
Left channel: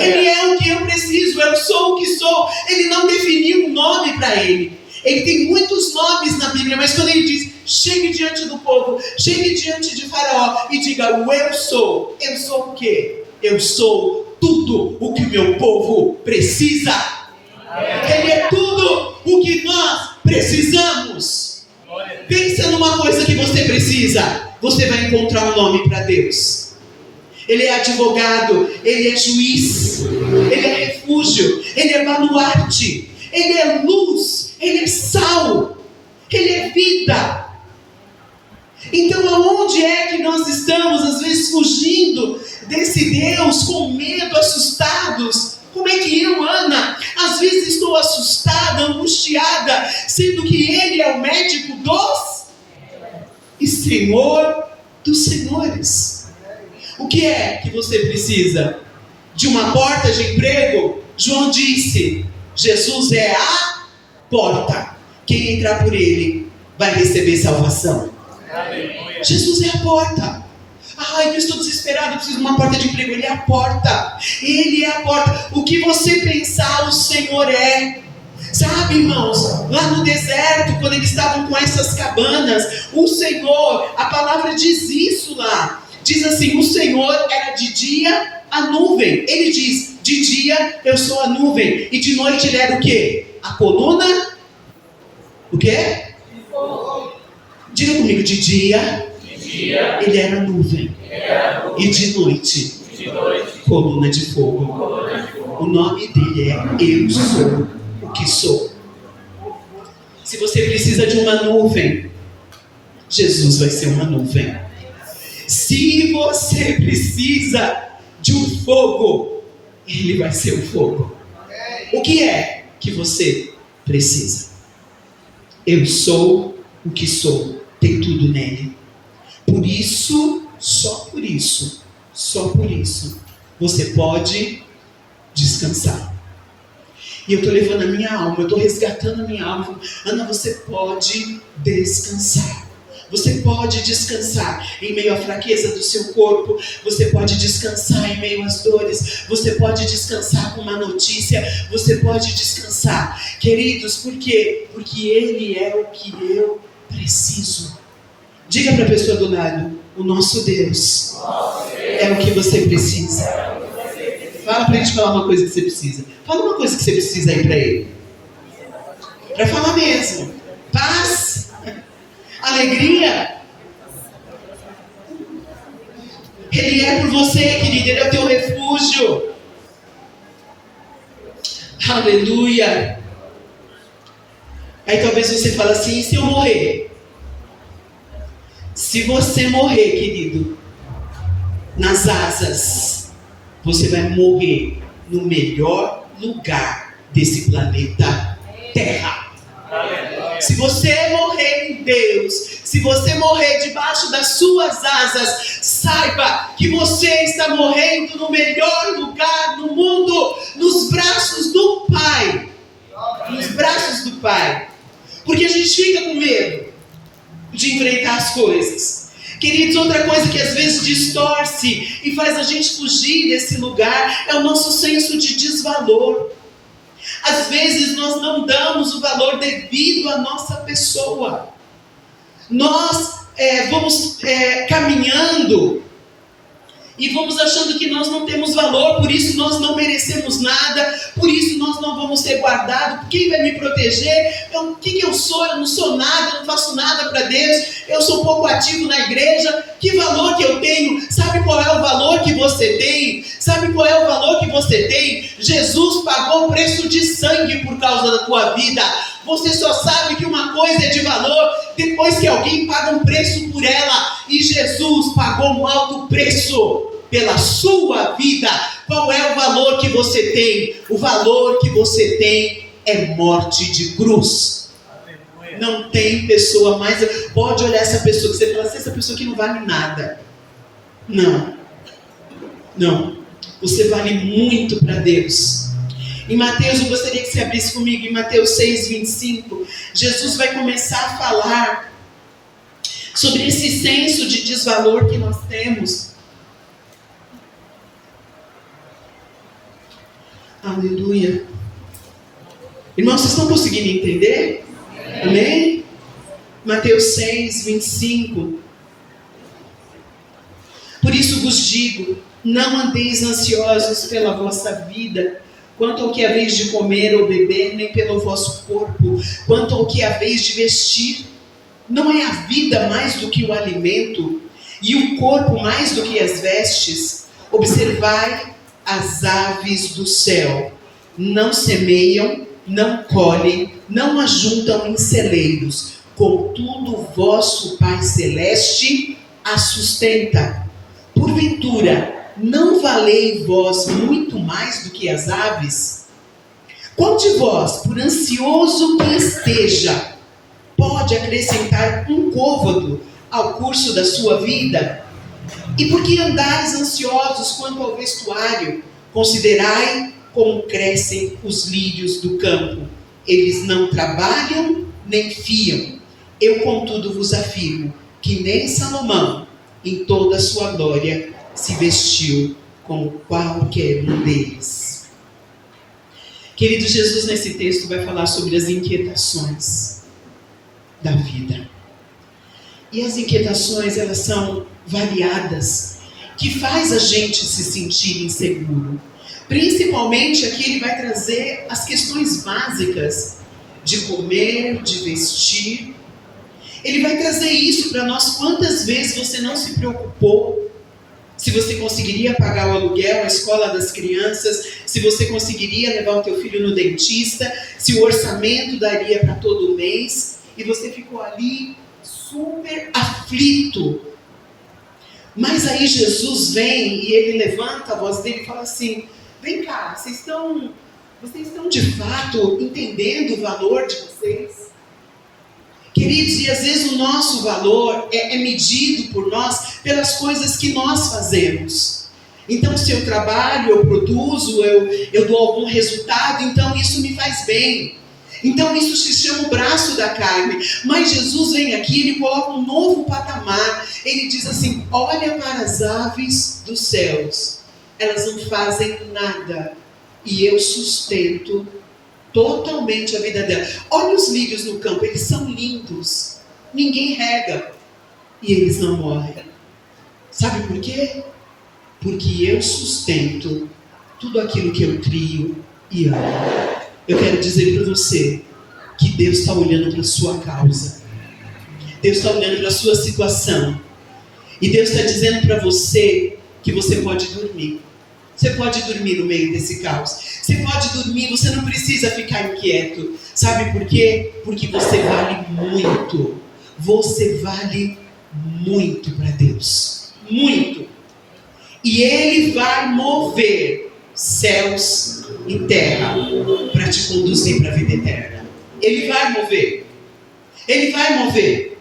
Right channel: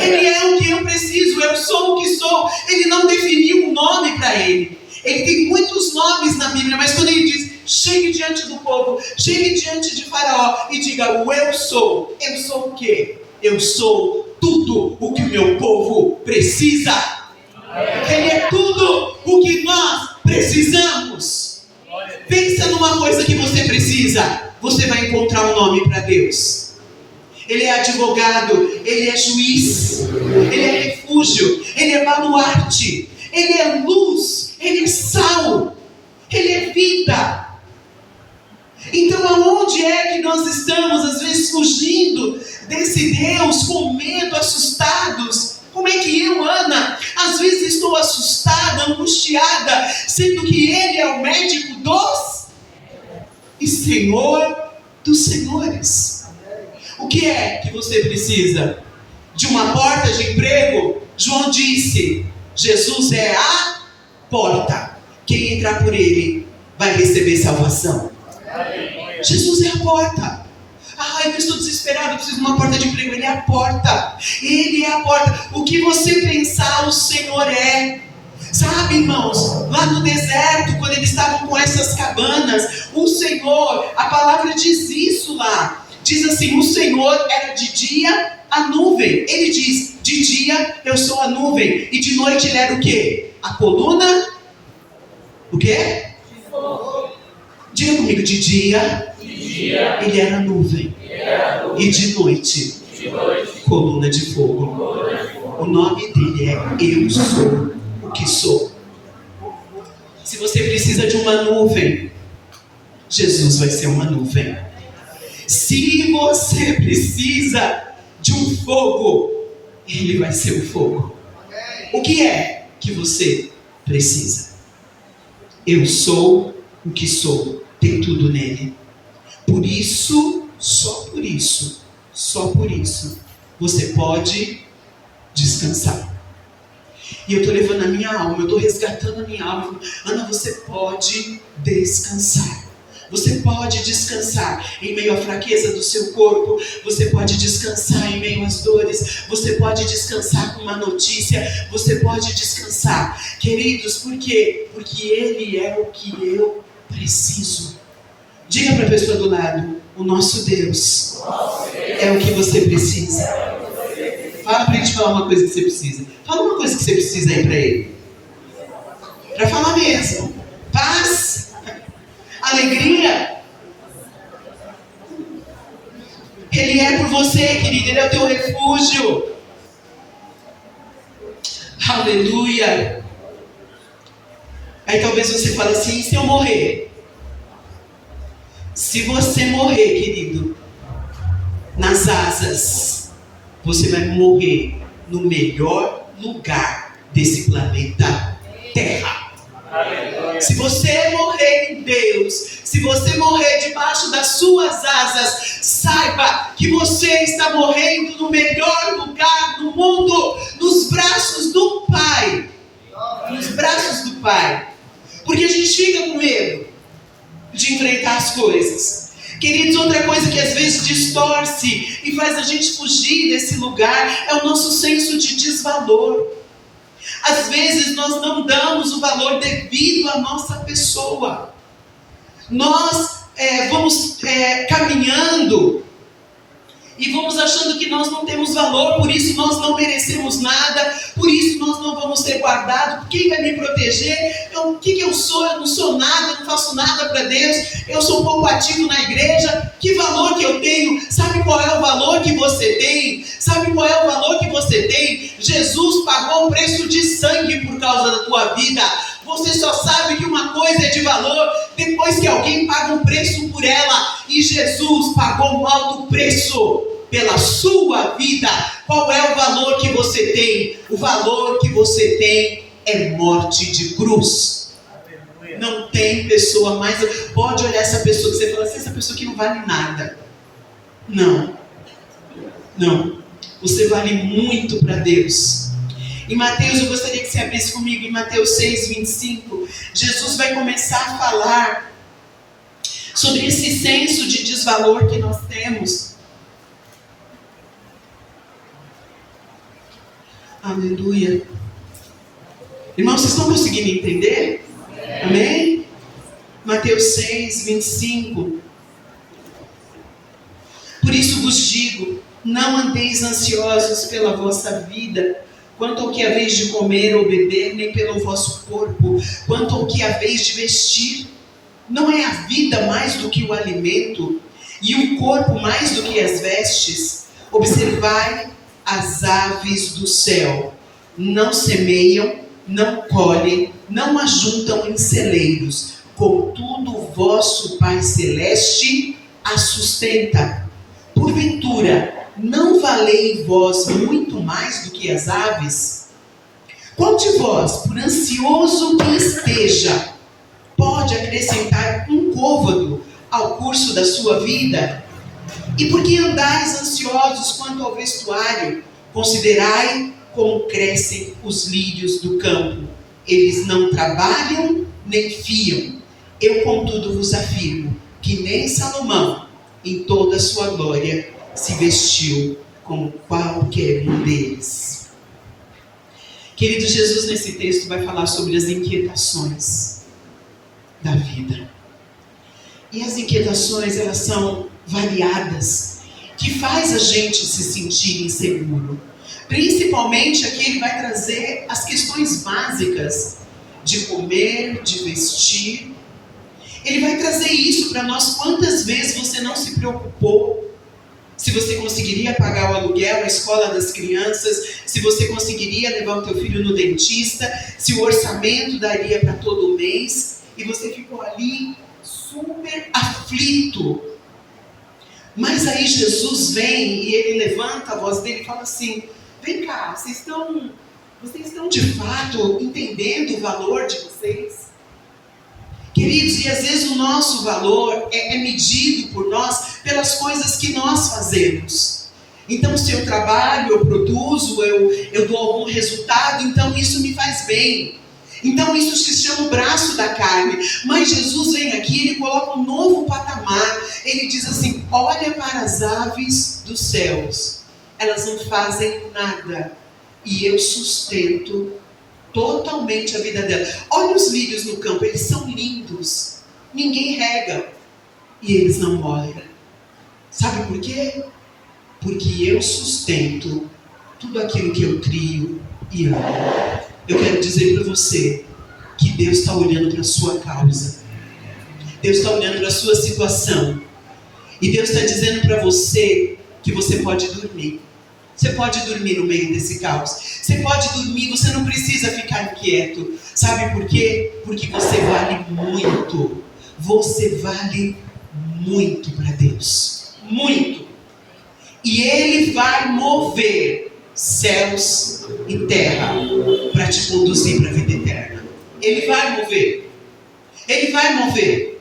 Ele é o que eu preciso. Eu sou o que sou. Ele não definiu um nome para ele. Ele tem muitos nomes na Bíblia, mas quando ele diz: chegue diante do povo, chegue diante de Faraó e diga: o eu sou o quê? Eu sou tudo o que o meu povo precisa. Ele é tudo o que nós precisamos. Pensa numa coisa que você precisa, você vai encontrar um nome para Deus. Ele é advogado, Ele é juiz, Ele é refúgio, Ele é baluarte, Ele é luz, Ele é sal, Ele é vida. Então aonde é que nós estamos às vezes fugindo desse Deus, com medo, assustados? Como é que eu, Ana, às vezes estou assustada, angustiada, sendo que Ele é o médico dos e Senhor dos senhores. O que é que você precisa? De uma porta de emprego? João disse: Jesus é a porta. Quem entrar por Ele vai receber salvação. Aleluia. Jesus é a porta. Eu estou desesperado, preciso de uma porta de emprego. Ele é a porta. Ele é a porta. O que você pensar, o Senhor é. Sabe, irmãos, lá no deserto, quando eles estavam com essas cabanas, o Senhor, a palavra diz isso lá. Diz assim: o Senhor era de dia a nuvem. Ele diz: de dia eu sou a nuvem. E de noite Ele era o quê? A coluna. O quê? Diga comigo: de dia Ele era nuvem. E de noite, coluna de fogo. O nome dele é eu sou o que sou. Se você precisa de uma nuvem, Jesus vai ser uma nuvem. Se você precisa de um fogo, Ele vai ser o fogo. O que é que você precisa. Eu sou o que sou, tem tudo nele. Por isso, só por isso, você pode descansar. E eu estou levando a minha alma, eu estou resgatando a minha alma. Ana, você pode descansar. Você pode descansar em meio à fraqueza do seu corpo. Você pode descansar em meio às dores. Você pode descansar com uma notícia. Você pode descansar. Queridos, por quê? Porque Ele é o que eu preciso. Diga para a pessoa do lado: o nosso Deus é o que você precisa. Fala para ele falar uma coisa que você precisa. Fala uma coisa que você precisa aí para ele. Para falar mesmo. Paz. Alegria. Ele é por você, querido. Ele é o teu refúgio. Aleluia. Aí talvez você fale assim: e se eu morrer? Se você morrer, querido, nas asas, você vai morrer no melhor lugar desse planeta Terra. Aleluia. Se você morrer em Deus, se você morrer debaixo das suas asas, saiba que você está morrendo no melhor lugar do mundo, nos braços do Pai. Nos braços do Pai. Porque a gente fica com medo de enfrentar as coisas. Queridos, outra coisa que às vezes distorce e faz a gente fugir desse lugar é o nosso senso de desvalor. Às vezes nós não damos o valor devido à nossa pessoa. Nós vamos caminhando e vamos achando que nós não temos valor, por isso nós não merecemos nada, por isso nós não vamos ser guardados. Quem vai me proteger? O que eu sou? Eu não sou nada, eu não faço nada para Deus, eu sou um pouco ativo na igreja. Que valor que eu tenho? Sabe qual é o valor que você tem? Sabe qual é o valor que você tem? Jesus pagou um preço de sangue por causa da tua vida. Você só sabe que uma coisa é de valor depois que alguém paga um preço por ela. E Jesus pagou um alto preço pela sua vida. Qual é o valor que você tem? O valor que você tem é morte de cruz. Não tem pessoa mais... Pode olhar essa pessoa que você fala assim: essa pessoa que não vale nada. Não. Você vale muito para Deus. Em Mateus, eu gostaria que você abrisse comigo, em Mateus 6, 25, Jesus vai começar a falar sobre esse senso de desvalor que nós temos. Aleluia. Irmãos, vocês estão conseguindo entender? Amém? Mateus 6, 25. Por isso vos digo, não andeis ansiosos pela vossa vida, quanto ao que haveis de comer ou beber, nem pelo vosso corpo, quanto ao que haveis de vestir. Não é a vida mais do que o alimento, e o corpo mais do que as vestes? Observai as aves do céu, não semeiam, não colhem, não ajuntam em celeiros, contudo o vosso Pai Celeste as sustenta. Porventura, não valei vós muito mais do que as aves? Qual de vós, por ansioso que esteja, pode acrescentar um côvado ao curso da sua vida? E por que andais ansiosos quanto ao vestuário? Considerai como crescem os lírios do campo. Eles não trabalham nem fiam. Eu, contudo, vos afirmo que nem Salomão, em toda a sua glória, se vestiu como qualquer um deles. Querido, Jesus nesse texto vai falar sobre as inquietações da vida. E as inquietações, elas são variadas, que faz a gente se sentir inseguro. Principalmente aqui ele vai trazer as questões básicas de comer, de vestir. Ele vai trazer isso para nós. Quantas vezes você não se preocupou se você conseguiria pagar o aluguel, a escola das crianças, se você conseguiria levar o teu filho no dentista, se o orçamento daria para todo mês, e você ficou ali super aflito. Mas aí Jesus vem e ele levanta a voz dele e fala assim: vem cá, vocês estão Vocês estão de fato entendendo o valor de vocês? Queridos, e às vezes o nosso valor é medido por nós pelas coisas que nós fazemos. Então, se eu trabalho, eu produzo, eu dou algum resultado, então isso me faz bem. Então isso se chama o braço da carne. Mas Jesus vem aqui, ele coloca um novo patamar. Ele diz assim: olha para as aves dos céus, elas não fazem nada, e eu sustento totalmente a vida delas. Olha os lírios no campo, eles são lindos, ninguém rega, e eles não morrem. Sabe por quê? Porque eu sustento tudo aquilo que eu crio e amo. Eu quero dizer para você que Deus está olhando para a sua causa. Deus está olhando para a sua situação. E Deus está dizendo para você que você pode dormir. Você pode dormir no meio desse caos. Você pode dormir, você não precisa ficar inquieto. Sabe por quê? Porque você vale muito. Você vale muito para Deus. Muito. E Ele vai mover céus e terra para te conduzir para a vida eterna. Ele vai mover. Ele vai mover.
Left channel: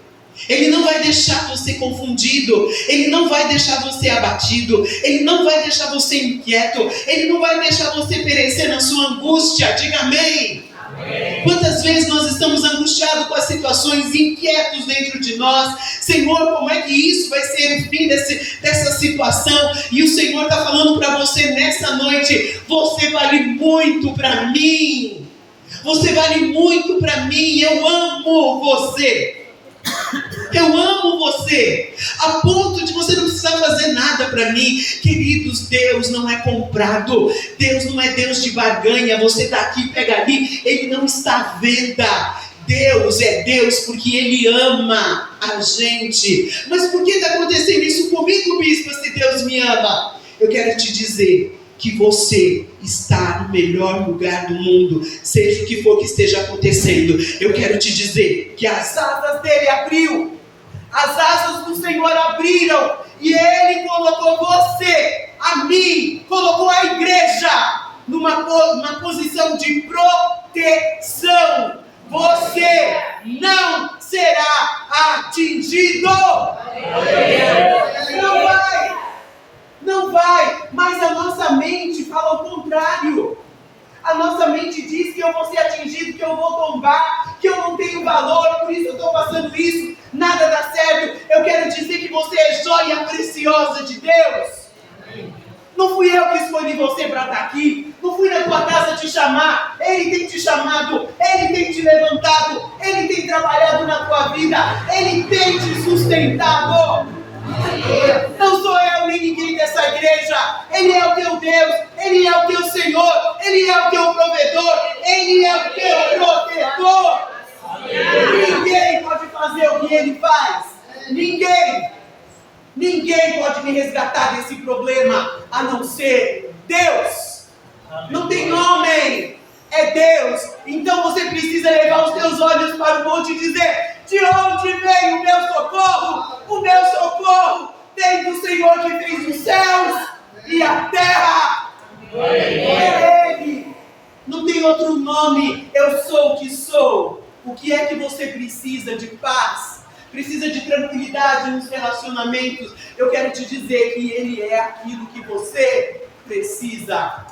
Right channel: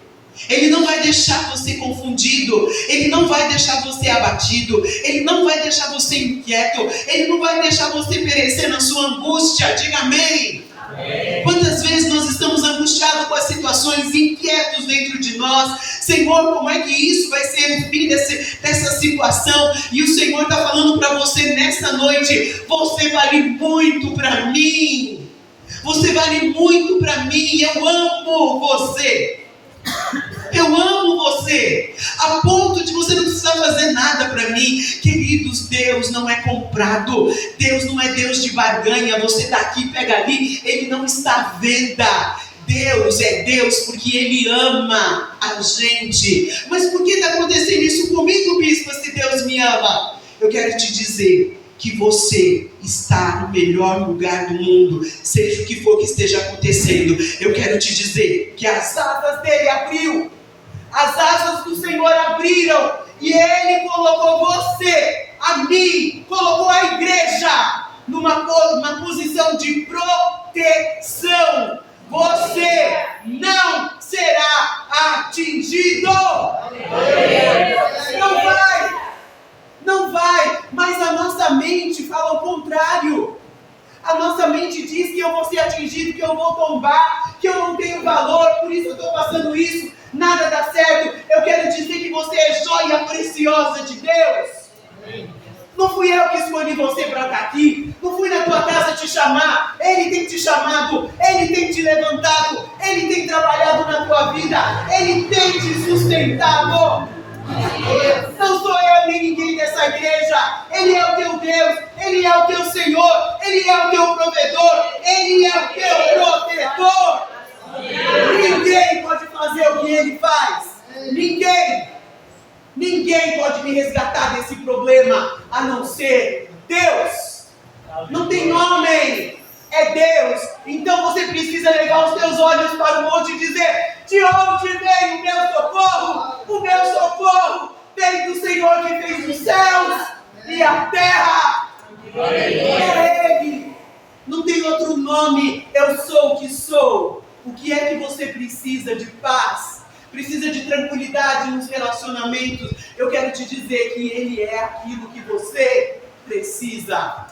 Ele não vai deixar você confundido. Ele não vai deixar você abatido. Ele não vai deixar você inquieto. Ele não vai deixar você perecer na sua angústia. Diga amém. Amém. Quantas vezes nós estamos angustiados com as situações, inquietos dentro de nós? Senhor, como é que isso vai ser o fim dessa situação? E o Senhor está falando para você nessa noite: você vale muito para mim. Você vale muito para mim. Eu amo você. Eu amo você, a ponto de você não precisar fazer nada para mim. Queridos, Deus não é comprado. Deus não é Deus de barganha. Você está aqui, pega ali. Ele não está à venda. Deus é Deus porque Ele ama a gente. Mas por que está acontecendo isso comigo, bispo, se Deus me ama? Eu quero te dizer que você está no melhor lugar do mundo, seja o que for que esteja acontecendo. Eu quero te dizer que as asas dele abriu, as asas do Senhor abriram, e Ele colocou você, a mim, colocou a igreja numa posição de proteção. Você não será atingido. Não vai, mas a nossa mente fala o contrário. A nossa mente diz que eu vou ser atingido, que eu vou tombar, que eu não tenho valor, por isso eu estou passando isso, nada dá certo. Eu quero dizer que você é joia preciosa de Deus. Não fui eu que escolhi você para estar aqui, não fui na tua casa te chamar. Ele tem te chamado, Ele tem te levantado, Ele tem trabalhado na tua vida, Ele tem te sustentado. Não sou eu nem ninguém dessa igreja. Ele é o teu Deus, Ele é o teu Senhor, Ele é o teu provedor, Ele é o teu protetor. Ninguém pode fazer o que Ele faz. Ninguém pode me resgatar desse problema a não ser Deus. Não tem homem, é Deus. Então você precisa levar os teus olhos para o monte e dizer: de onde vem o meu socorro? O meu socorro vem do Senhor que fez os céus e a terra. É Ele. Não tem outro nome. Eu sou o que sou. O que é que você precisa? De paz. Precisa de tranquilidade nos relacionamentos. Eu quero te dizer que Ele é aquilo que você precisa.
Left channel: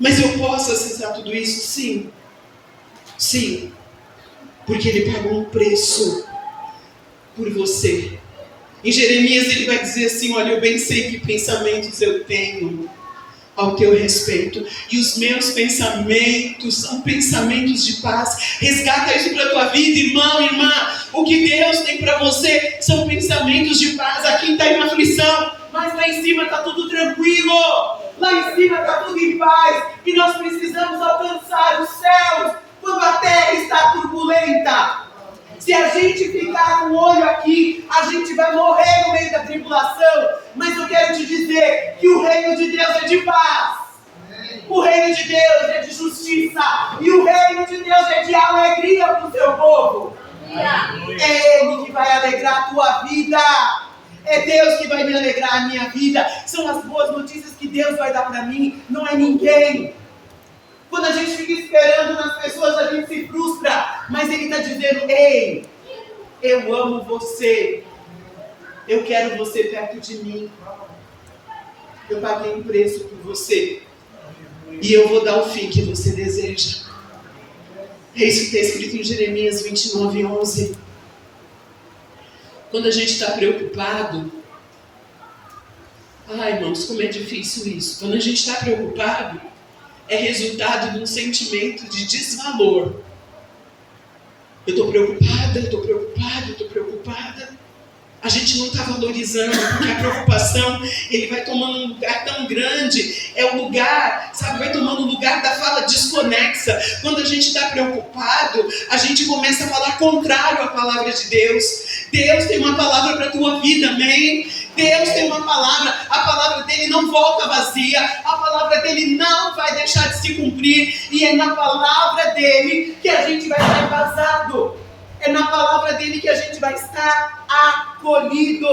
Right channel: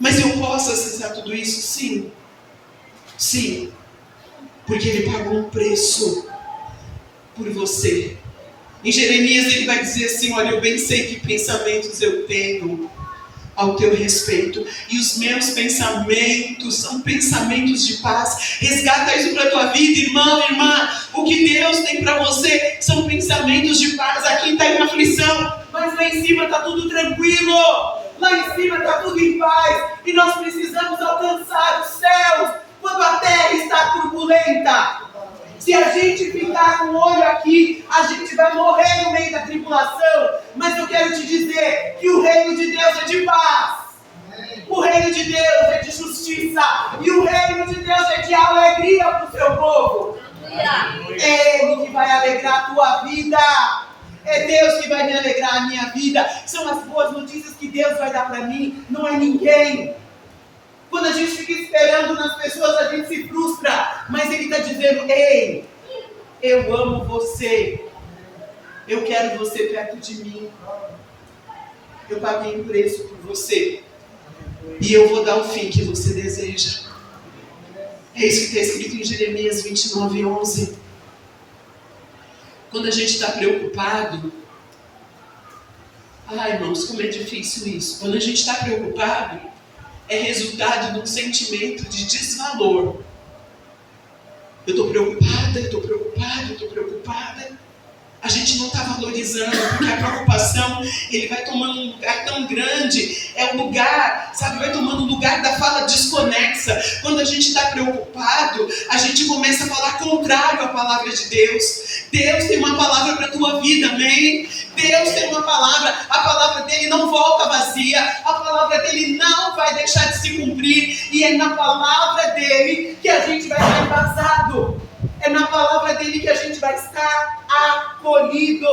Mas eu posso acessar tudo isso? Sim. Sim. Porque Ele pagou um preço por você. Em Jeremias ele vai dizer assim: olha, eu bem sei que pensamentos eu tenho ao teu respeito, e os meus pensamentos são pensamentos de paz. Resgata isso para a tua vida, irmão, irmã. O que Deus tem para você são pensamentos de paz. Aqui está em aflição, mas lá em cima está tudo tranquilo. Lá em cima está tudo em paz. E nós precisamos alcançar os céus quando a terra está turbulenta. Se a gente ficar com o olho aqui, a gente vai morrer no meio da tribulação. Mas eu quero te dizer que o reino de Deus é de paz. O reino de Deus é de justiça. E o reino de Deus é de alegria para o seu povo. É Ele que vai alegrar a tua vida. É Deus que vai me alegrar a minha vida. São as boas notícias que Deus vai dar para mim. Não é ninguém. Quando a gente fica esperando nas pessoas, a gente se frustra. Mas Ele está dizendo: ei, eu amo você. Eu quero você perto de mim. Eu paguei um preço por você. E eu vou dar o fim que você deseja. É isso que está escrito em Jeremias 29:11. Quando a gente está preocupado... Ai, irmãos, como é difícil isso. Quando a gente está preocupado, é resultado de um sentimento de desvalor. Eu estou preocupada, eu estou preocupada, eu estou preocupada. A gente não está valorizando, porque a preocupação, ele vai tomando um lugar tão grande, é um lugar, sabe, vai tomando um lugar da fala desconexa. Quando a gente está preocupado, a gente começa a falar contrário à palavra de Deus. Deus tem uma palavra para a tua vida, amém? Deus tem uma palavra, a palavra dele não volta vazia, a palavra dele não vai deixar de se cumprir, e é na palavra dele que a gente vai estar embasado. É na palavra dele que a gente vai estar acolhido.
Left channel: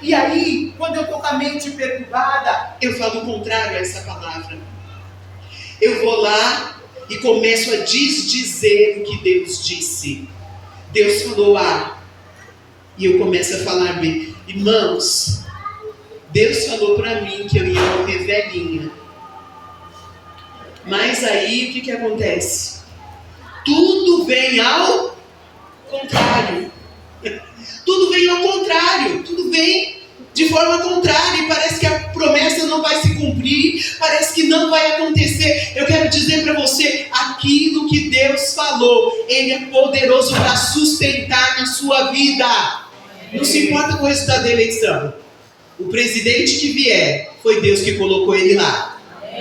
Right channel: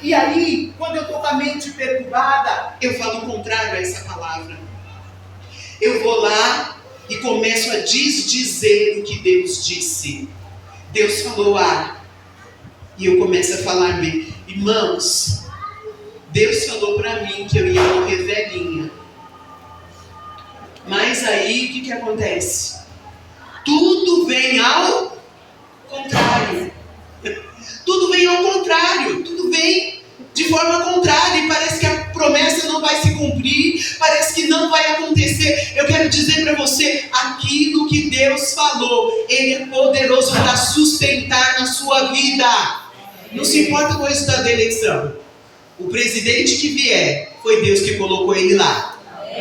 E aí, quando eu estou com a mente perturbada, eu falo o contrário a essa palavra. Eu vou lá e começo a desdizer o que Deus disse. Deus falou A, e eu começo a falar B. Irmãos, Deus falou para mim que eu ia morrer velhinha. Mas aí, o que acontece? Tudo vem ao contrário. Tudo vem ao contrário. Tudo vem de forma contrária. E parece que a promessa não vai se cumprir. Parece que não vai acontecer. Eu quero dizer para você, aquilo que Deus falou, Ele é poderoso para sustentar na sua vida. Não se importa com o resultado da eleição. O presidente que vier, foi Deus que colocou ele lá.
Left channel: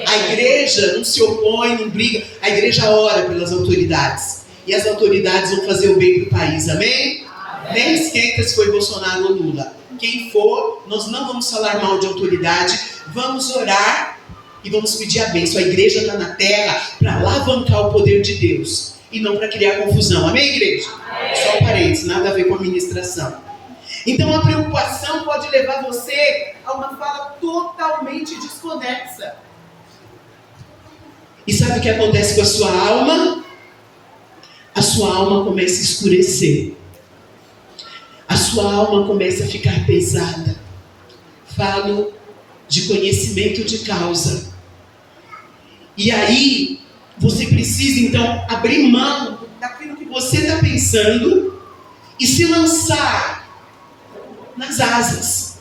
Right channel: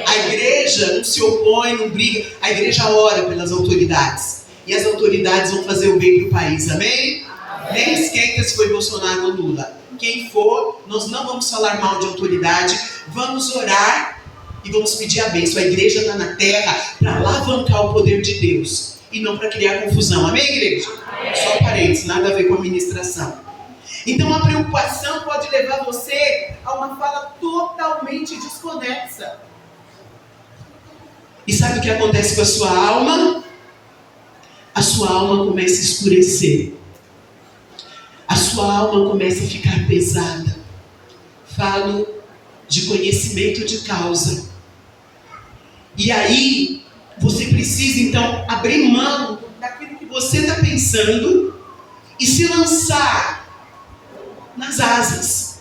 A igreja não se opõe, não briga. A igreja ora pelas autoridades. E as autoridades vão fazer o bem para o país, amém? Nem esquenta se foi Bolsonaro ou Lula. Quem for, nós não vamos falar mal de autoridade. Vamos orar e vamos pedir a bênção. A igreja está na terra para alavancar o poder de Deus. E não para criar confusão, amém, igreja? Só parênteses, nada a ver com a ministração. Então a preocupação pode levar você a uma fala totalmente desconexa. E sabe o que acontece com a sua alma? A sua alma começa a escurecer. A sua alma começa a ficar pesada. Falo de conhecimento de causa. E aí, você precisa então abrir mão daquilo que você está pensando e se lançar nas asas.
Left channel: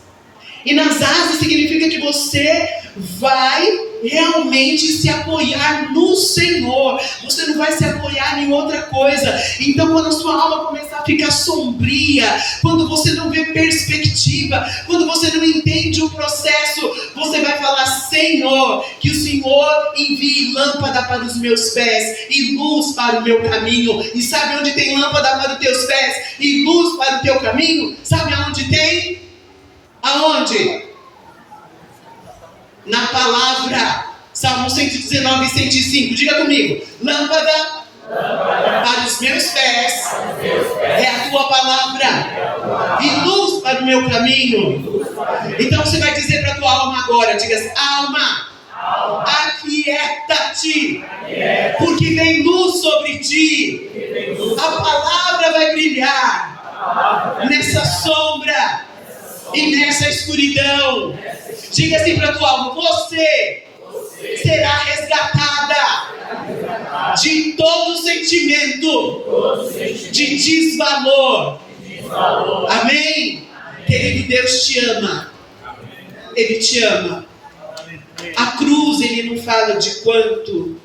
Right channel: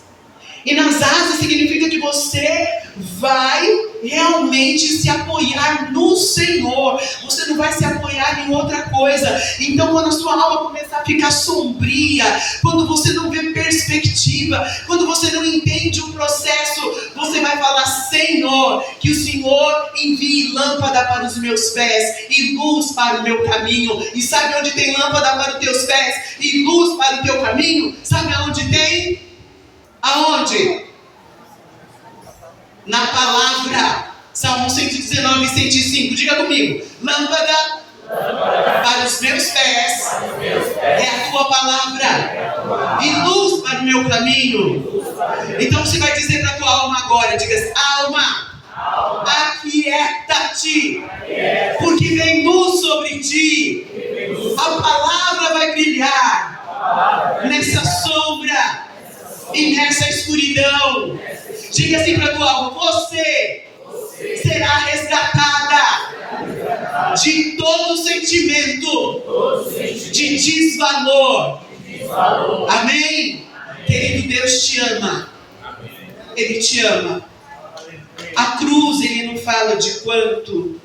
E nas asas significa que você vai realmente se apoiar no Senhor. Você não vai se apoiar em outra coisa. Então, quando a sua alma começar a ficar sombria, quando você não vê perspectiva, quando você não entende o processo, você vai falar: Senhor, que o Senhor envie lâmpada para os meus pés e luz para o meu caminho. E sabe onde tem lâmpada para os teus pés e luz para o teu caminho? Sabe aonde tem? Aonde? Na palavra. Salmo 119 e 105. Diga comigo. Lâmpada para os meus pés é a tua palavra e luz para o meu caminho. Então você vai dizer para a tua alma agora. Diga: alma, aquieta-te, porque vem luz sobre ti. A palavra vai brilhar nessa sombra e nessa escuridão. Diga assim para a tua alma: você será resgatada de todo sentimento de desvalor. Amém? Querido, Deus te ama. Ele te ama. A cruz, ele não fala de quanto,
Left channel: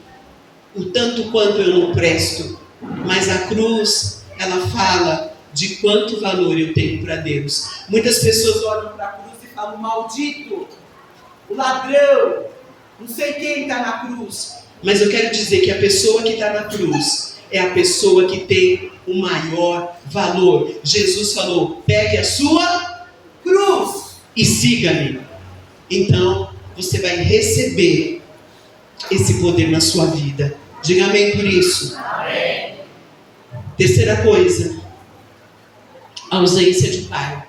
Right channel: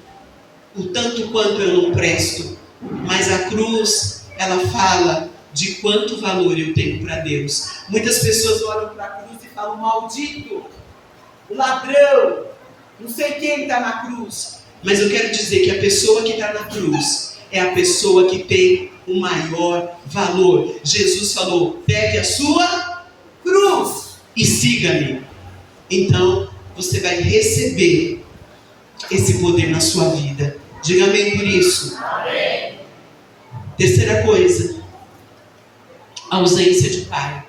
o tanto quanto eu não presto, mas a cruz, ela fala de quanto valor eu tenho para Deus. Muitas pessoas olham para a cruz e falam: maldito, o ladrão, não sei quem está na cruz. Mas eu quero dizer que a pessoa que está na cruz é a pessoa que tem o maior valor. Jesus falou: pegue a sua cruz e siga-me. Então você vai receber esse poder na sua vida. Diga amém por isso. Amém. Terceira coisa: ausência de pai.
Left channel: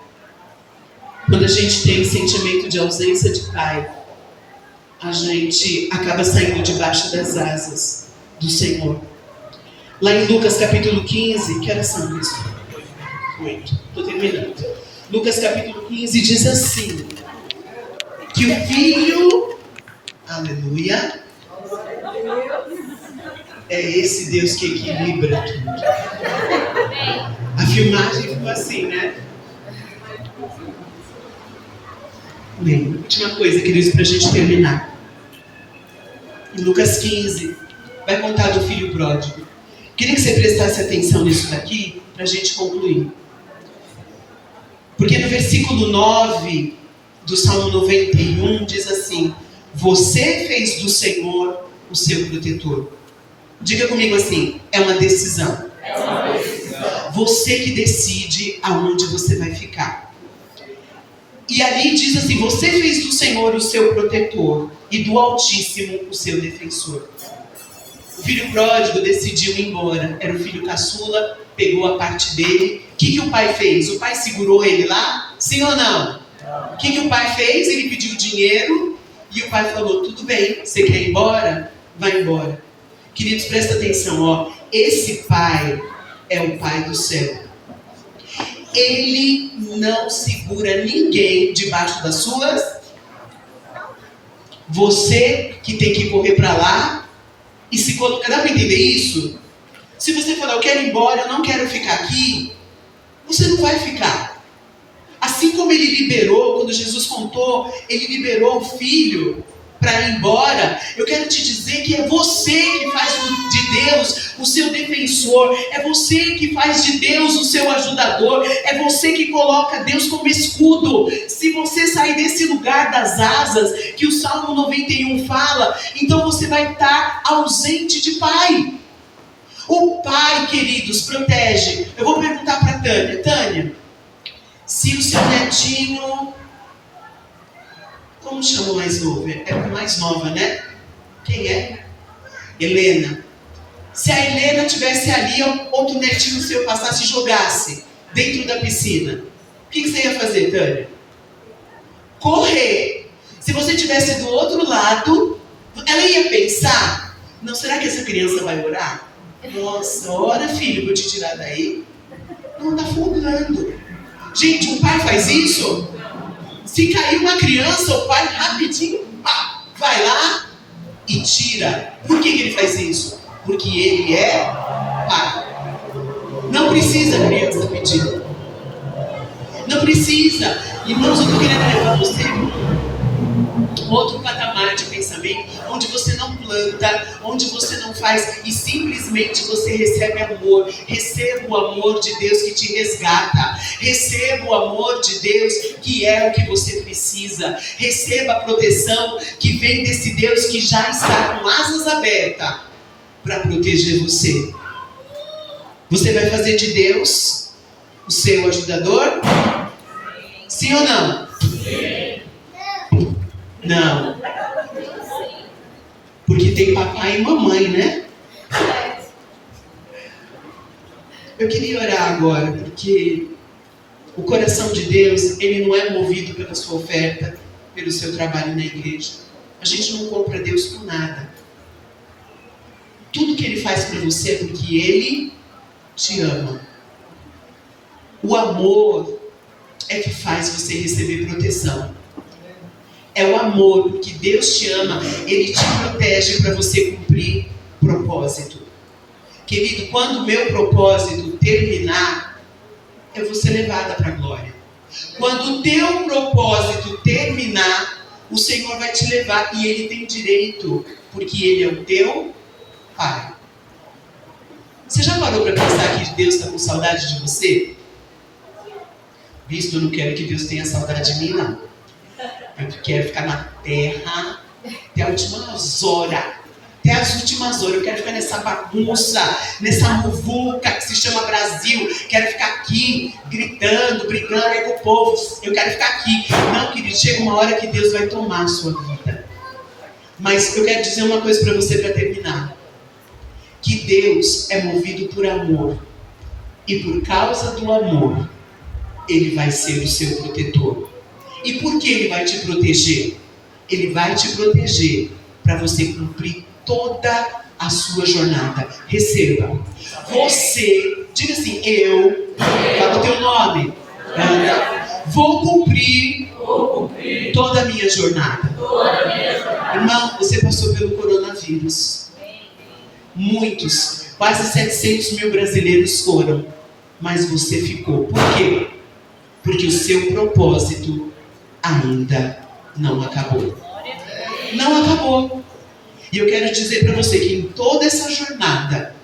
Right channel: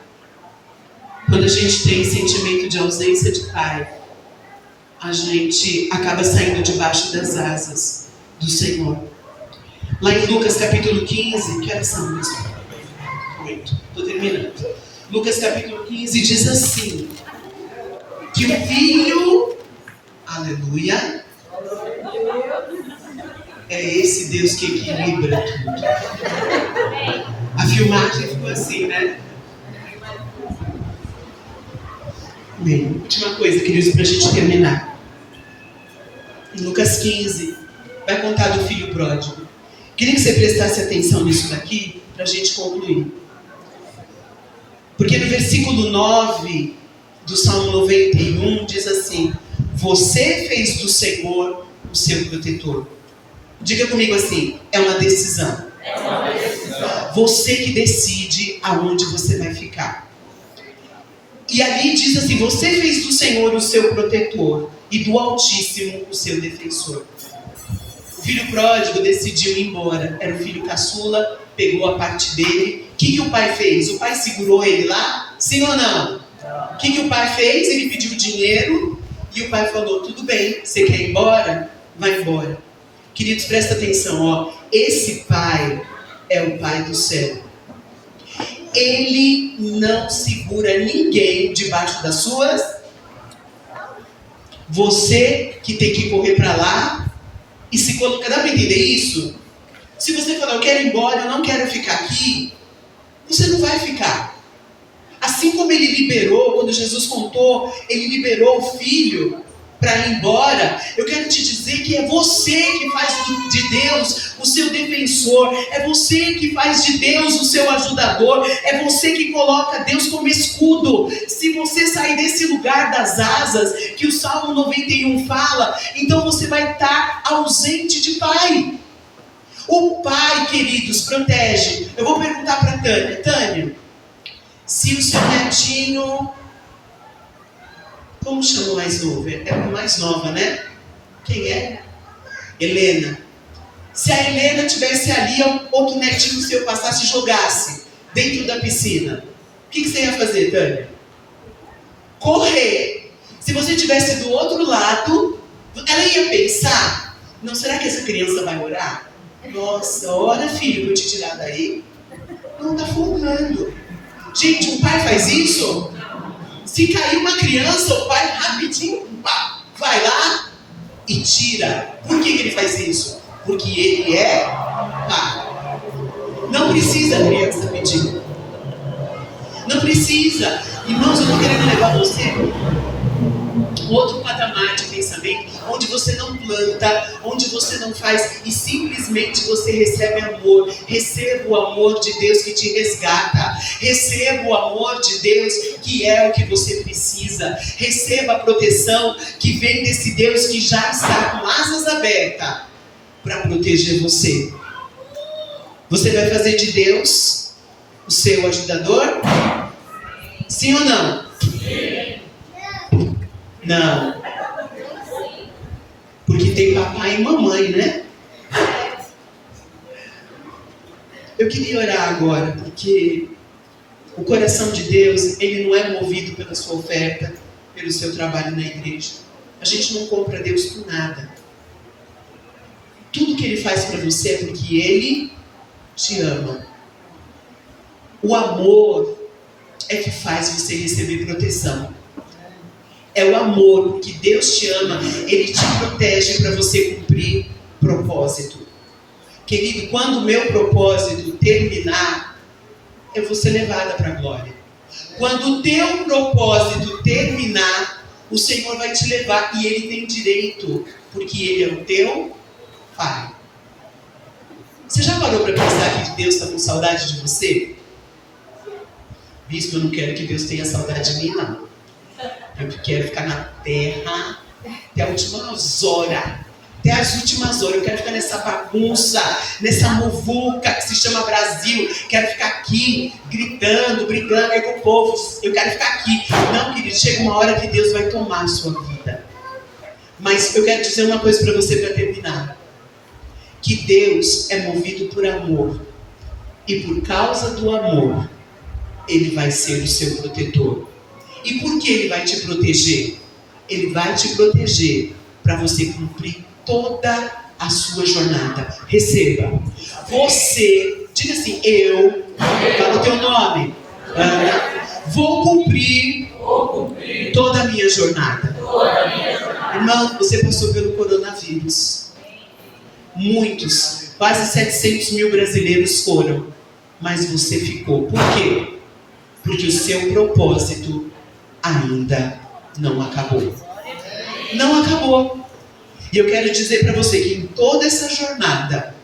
Quando a gente tem sentimento de ausência de pai, a gente acaba saindo debaixo das asas do Senhor. Lá em Lucas capítulo 15, que horas são isso? 8, estou terminando. Lucas capítulo 15 diz assim, que o filho, aleluia, é esse Deus que equilibra tudo. A filmagem ficou assim, né? Bem, última coisa, queridos, para a gente terminar. Em Lucas 15, vai contar do filho pródigo. Queria que você prestasse atenção nisso daqui, para a gente concluir. Porque no versículo 9 do Salmo 91 diz assim: você fez do Senhor o seu protetor. Diga comigo assim, é uma decisão. É uma decisão. Você que decide aonde você vai ficar. E ali diz assim, você fez do Senhor o seu protetor e do Altíssimo o seu defensor. O filho pródigo decidiu ir embora. Era o filho caçula, pegou a parte dele. O que o pai fez? O pai segurou ele lá? Sim ou não? O que o pai fez? Ele pediu dinheiro e o pai falou, tudo bem, você quer ir embora? Vai embora. Queridos, presta atenção, ó. Esse pai é o pai do céu. Ele não segura ninguém debaixo das suas. Você que tem que correr para lá e se colocar. Dá para entender isso? Se você falar, eu quero ir embora, eu não quero ficar aqui, você não vai ficar. Assim como ele liberou, quando Jesus contou, ele liberou o filho para ir embora. Eu quero te dizer que é você que faz de Deus o seu defensor, é você que faz de Deus o seu ajudador, é você que coloca Deus como escudo. Se você sair desse lugar das asas que o Salmo 91 fala, então você vai estar ausente de pai. O pai, queridos, protege. Eu vou perguntar para Tânia. Tânia, se o seu netinho... Como chama o mais novo? É a mais nova, né? Quem é? Helena. Se a Helena estivesse ali, ou que o netinho seu passasse e jogasse dentro da piscina, o que você ia fazer, Tânia? Correr. Se você estivesse do outro lado, ela ia pensar, não, será que essa criança vai orar? Nossa, ora filho, para eu te tirar daí. Não, está afogando. Gente, um pai faz isso? Se cair uma criança, o pai rapidinho pá, vai lá e tira. Por que ele faz isso? Porque ele é pai. Não precisa a criança pedir. Não precisa. Irmãos, eu estou querendo levar você outro patamar de pensamento, onde você não planta, onde você não faz, e simplesmente você recebe amor. Receba o amor de Deus que te resgata. Receba o amor de Deus que é o que você precisa. Receba a proteção que vem desse Deus que já está com asas abertas para proteger você. Você vai fazer de Deus o seu ajudador? Sim ou não? Sim. Não. Porque tem papai e mamãe, né? Eu queria orar agora, porque o coração de Deus, ele não é movido pela sua oferta, pelo seu trabalho na igreja. A gente não compra Deus com nada. Tudo que Ele faz para você é porque Ele te ama. O amor é que faz você receber proteção. É o amor, porque Deus te ama, Ele te protege para você cumprir propósito. Querido, quando o meu propósito terminar, eu vou ser levada para a glória. Quando o teu propósito terminar, o Senhor vai te levar e Ele tem direito, porque Ele é o teu Pai. Você já parou para pensar que Deus está com saudade de você? Bispo, eu não quero que Deus tenha saudade de mim, não. Eu quero ficar na terra até as últimas horas. Até as últimas horas. Eu quero ficar nessa bagunça, nessa muvuca que se chama Brasil. Quero ficar aqui, gritando, brigando aí com o povo. Eu quero ficar aqui. Não, querido, chega uma hora que Deus vai tomar a sua vida. Mas eu quero dizer uma coisa para você para terminar. Que Deus é movido por amor. E por causa do amor, Ele vai ser o seu protetor. E por que Ele vai te proteger? Ele vai te proteger para você cumprir toda a sua jornada. Receba. Você, diga assim, eu, fala o teu nome, vou cumprir toda a minha jornada. Irmão, você passou pelo coronavírus. Muitos, quase 700 mil brasileiros foram, mas você ficou. Por quê? Porque o seu propósito ainda não acabou. Não acabou. E eu quero dizer para você que em toda essa jornada,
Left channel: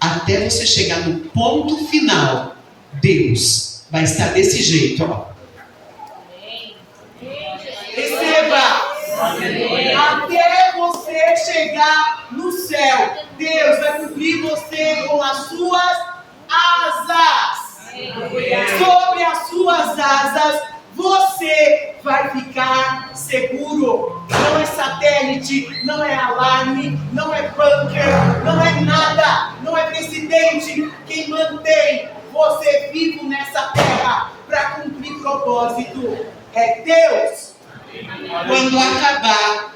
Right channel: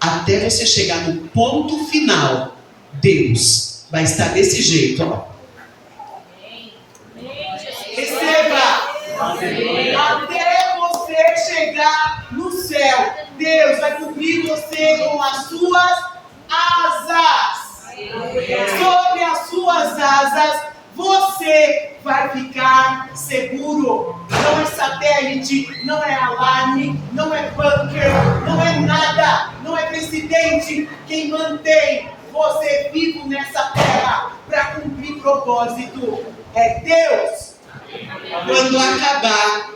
até você chegar no ponto final, Deus vai estar desse jeito, ó. Receba! Até você chegar no céu, Deus vai cobrir você com as suas asas. Sobre as suas asas, você vai ficar seguro. Não é satélite, não é alarme, não é bunker, não é nada, não é presidente. Quem mantém você vivo nessa terra para cumprir propósito é Deus. Quando acabar,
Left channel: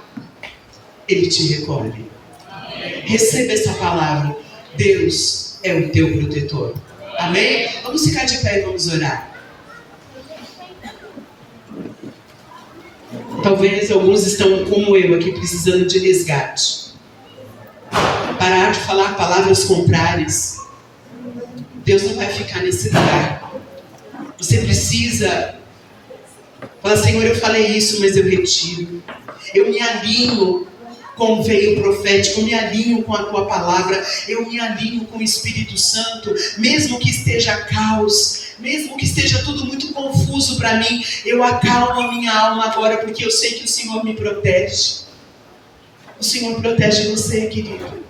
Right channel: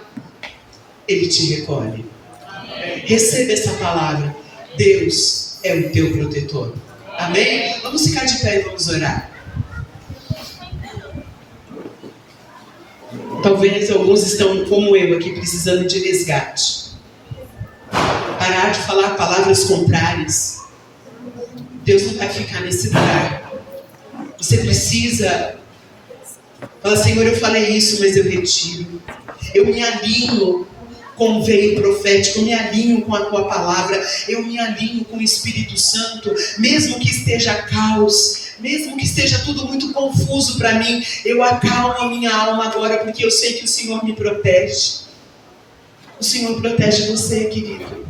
Ele te recolhe. Receba essa palavra. Deus é o teu protetor. Amém? Vamos ficar de pé e vamos orar. Talvez alguns estão como eu aqui, precisando de resgate. Parar de falar palavras contrárias. Deus não vai ficar nesse lugar. Você precisa falar, Senhor, eu falei isso, mas eu retiro. Eu me alinho com o veio profético, eu me alinho com a tua palavra, eu me alinho com o Espírito Santo, mesmo que esteja caos, mesmo que esteja tudo muito confuso para mim, eu acalmo a minha alma agora, porque eu sei que o Senhor me protege. O Senhor protege você, querido.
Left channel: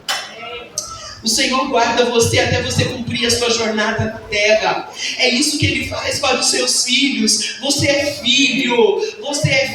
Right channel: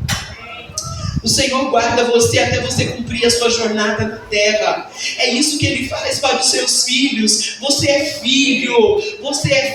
O Senhor guarda você até você cumprir a sua jornada na terra. É isso que Ele faz para os seus filhos. Você é filho, você é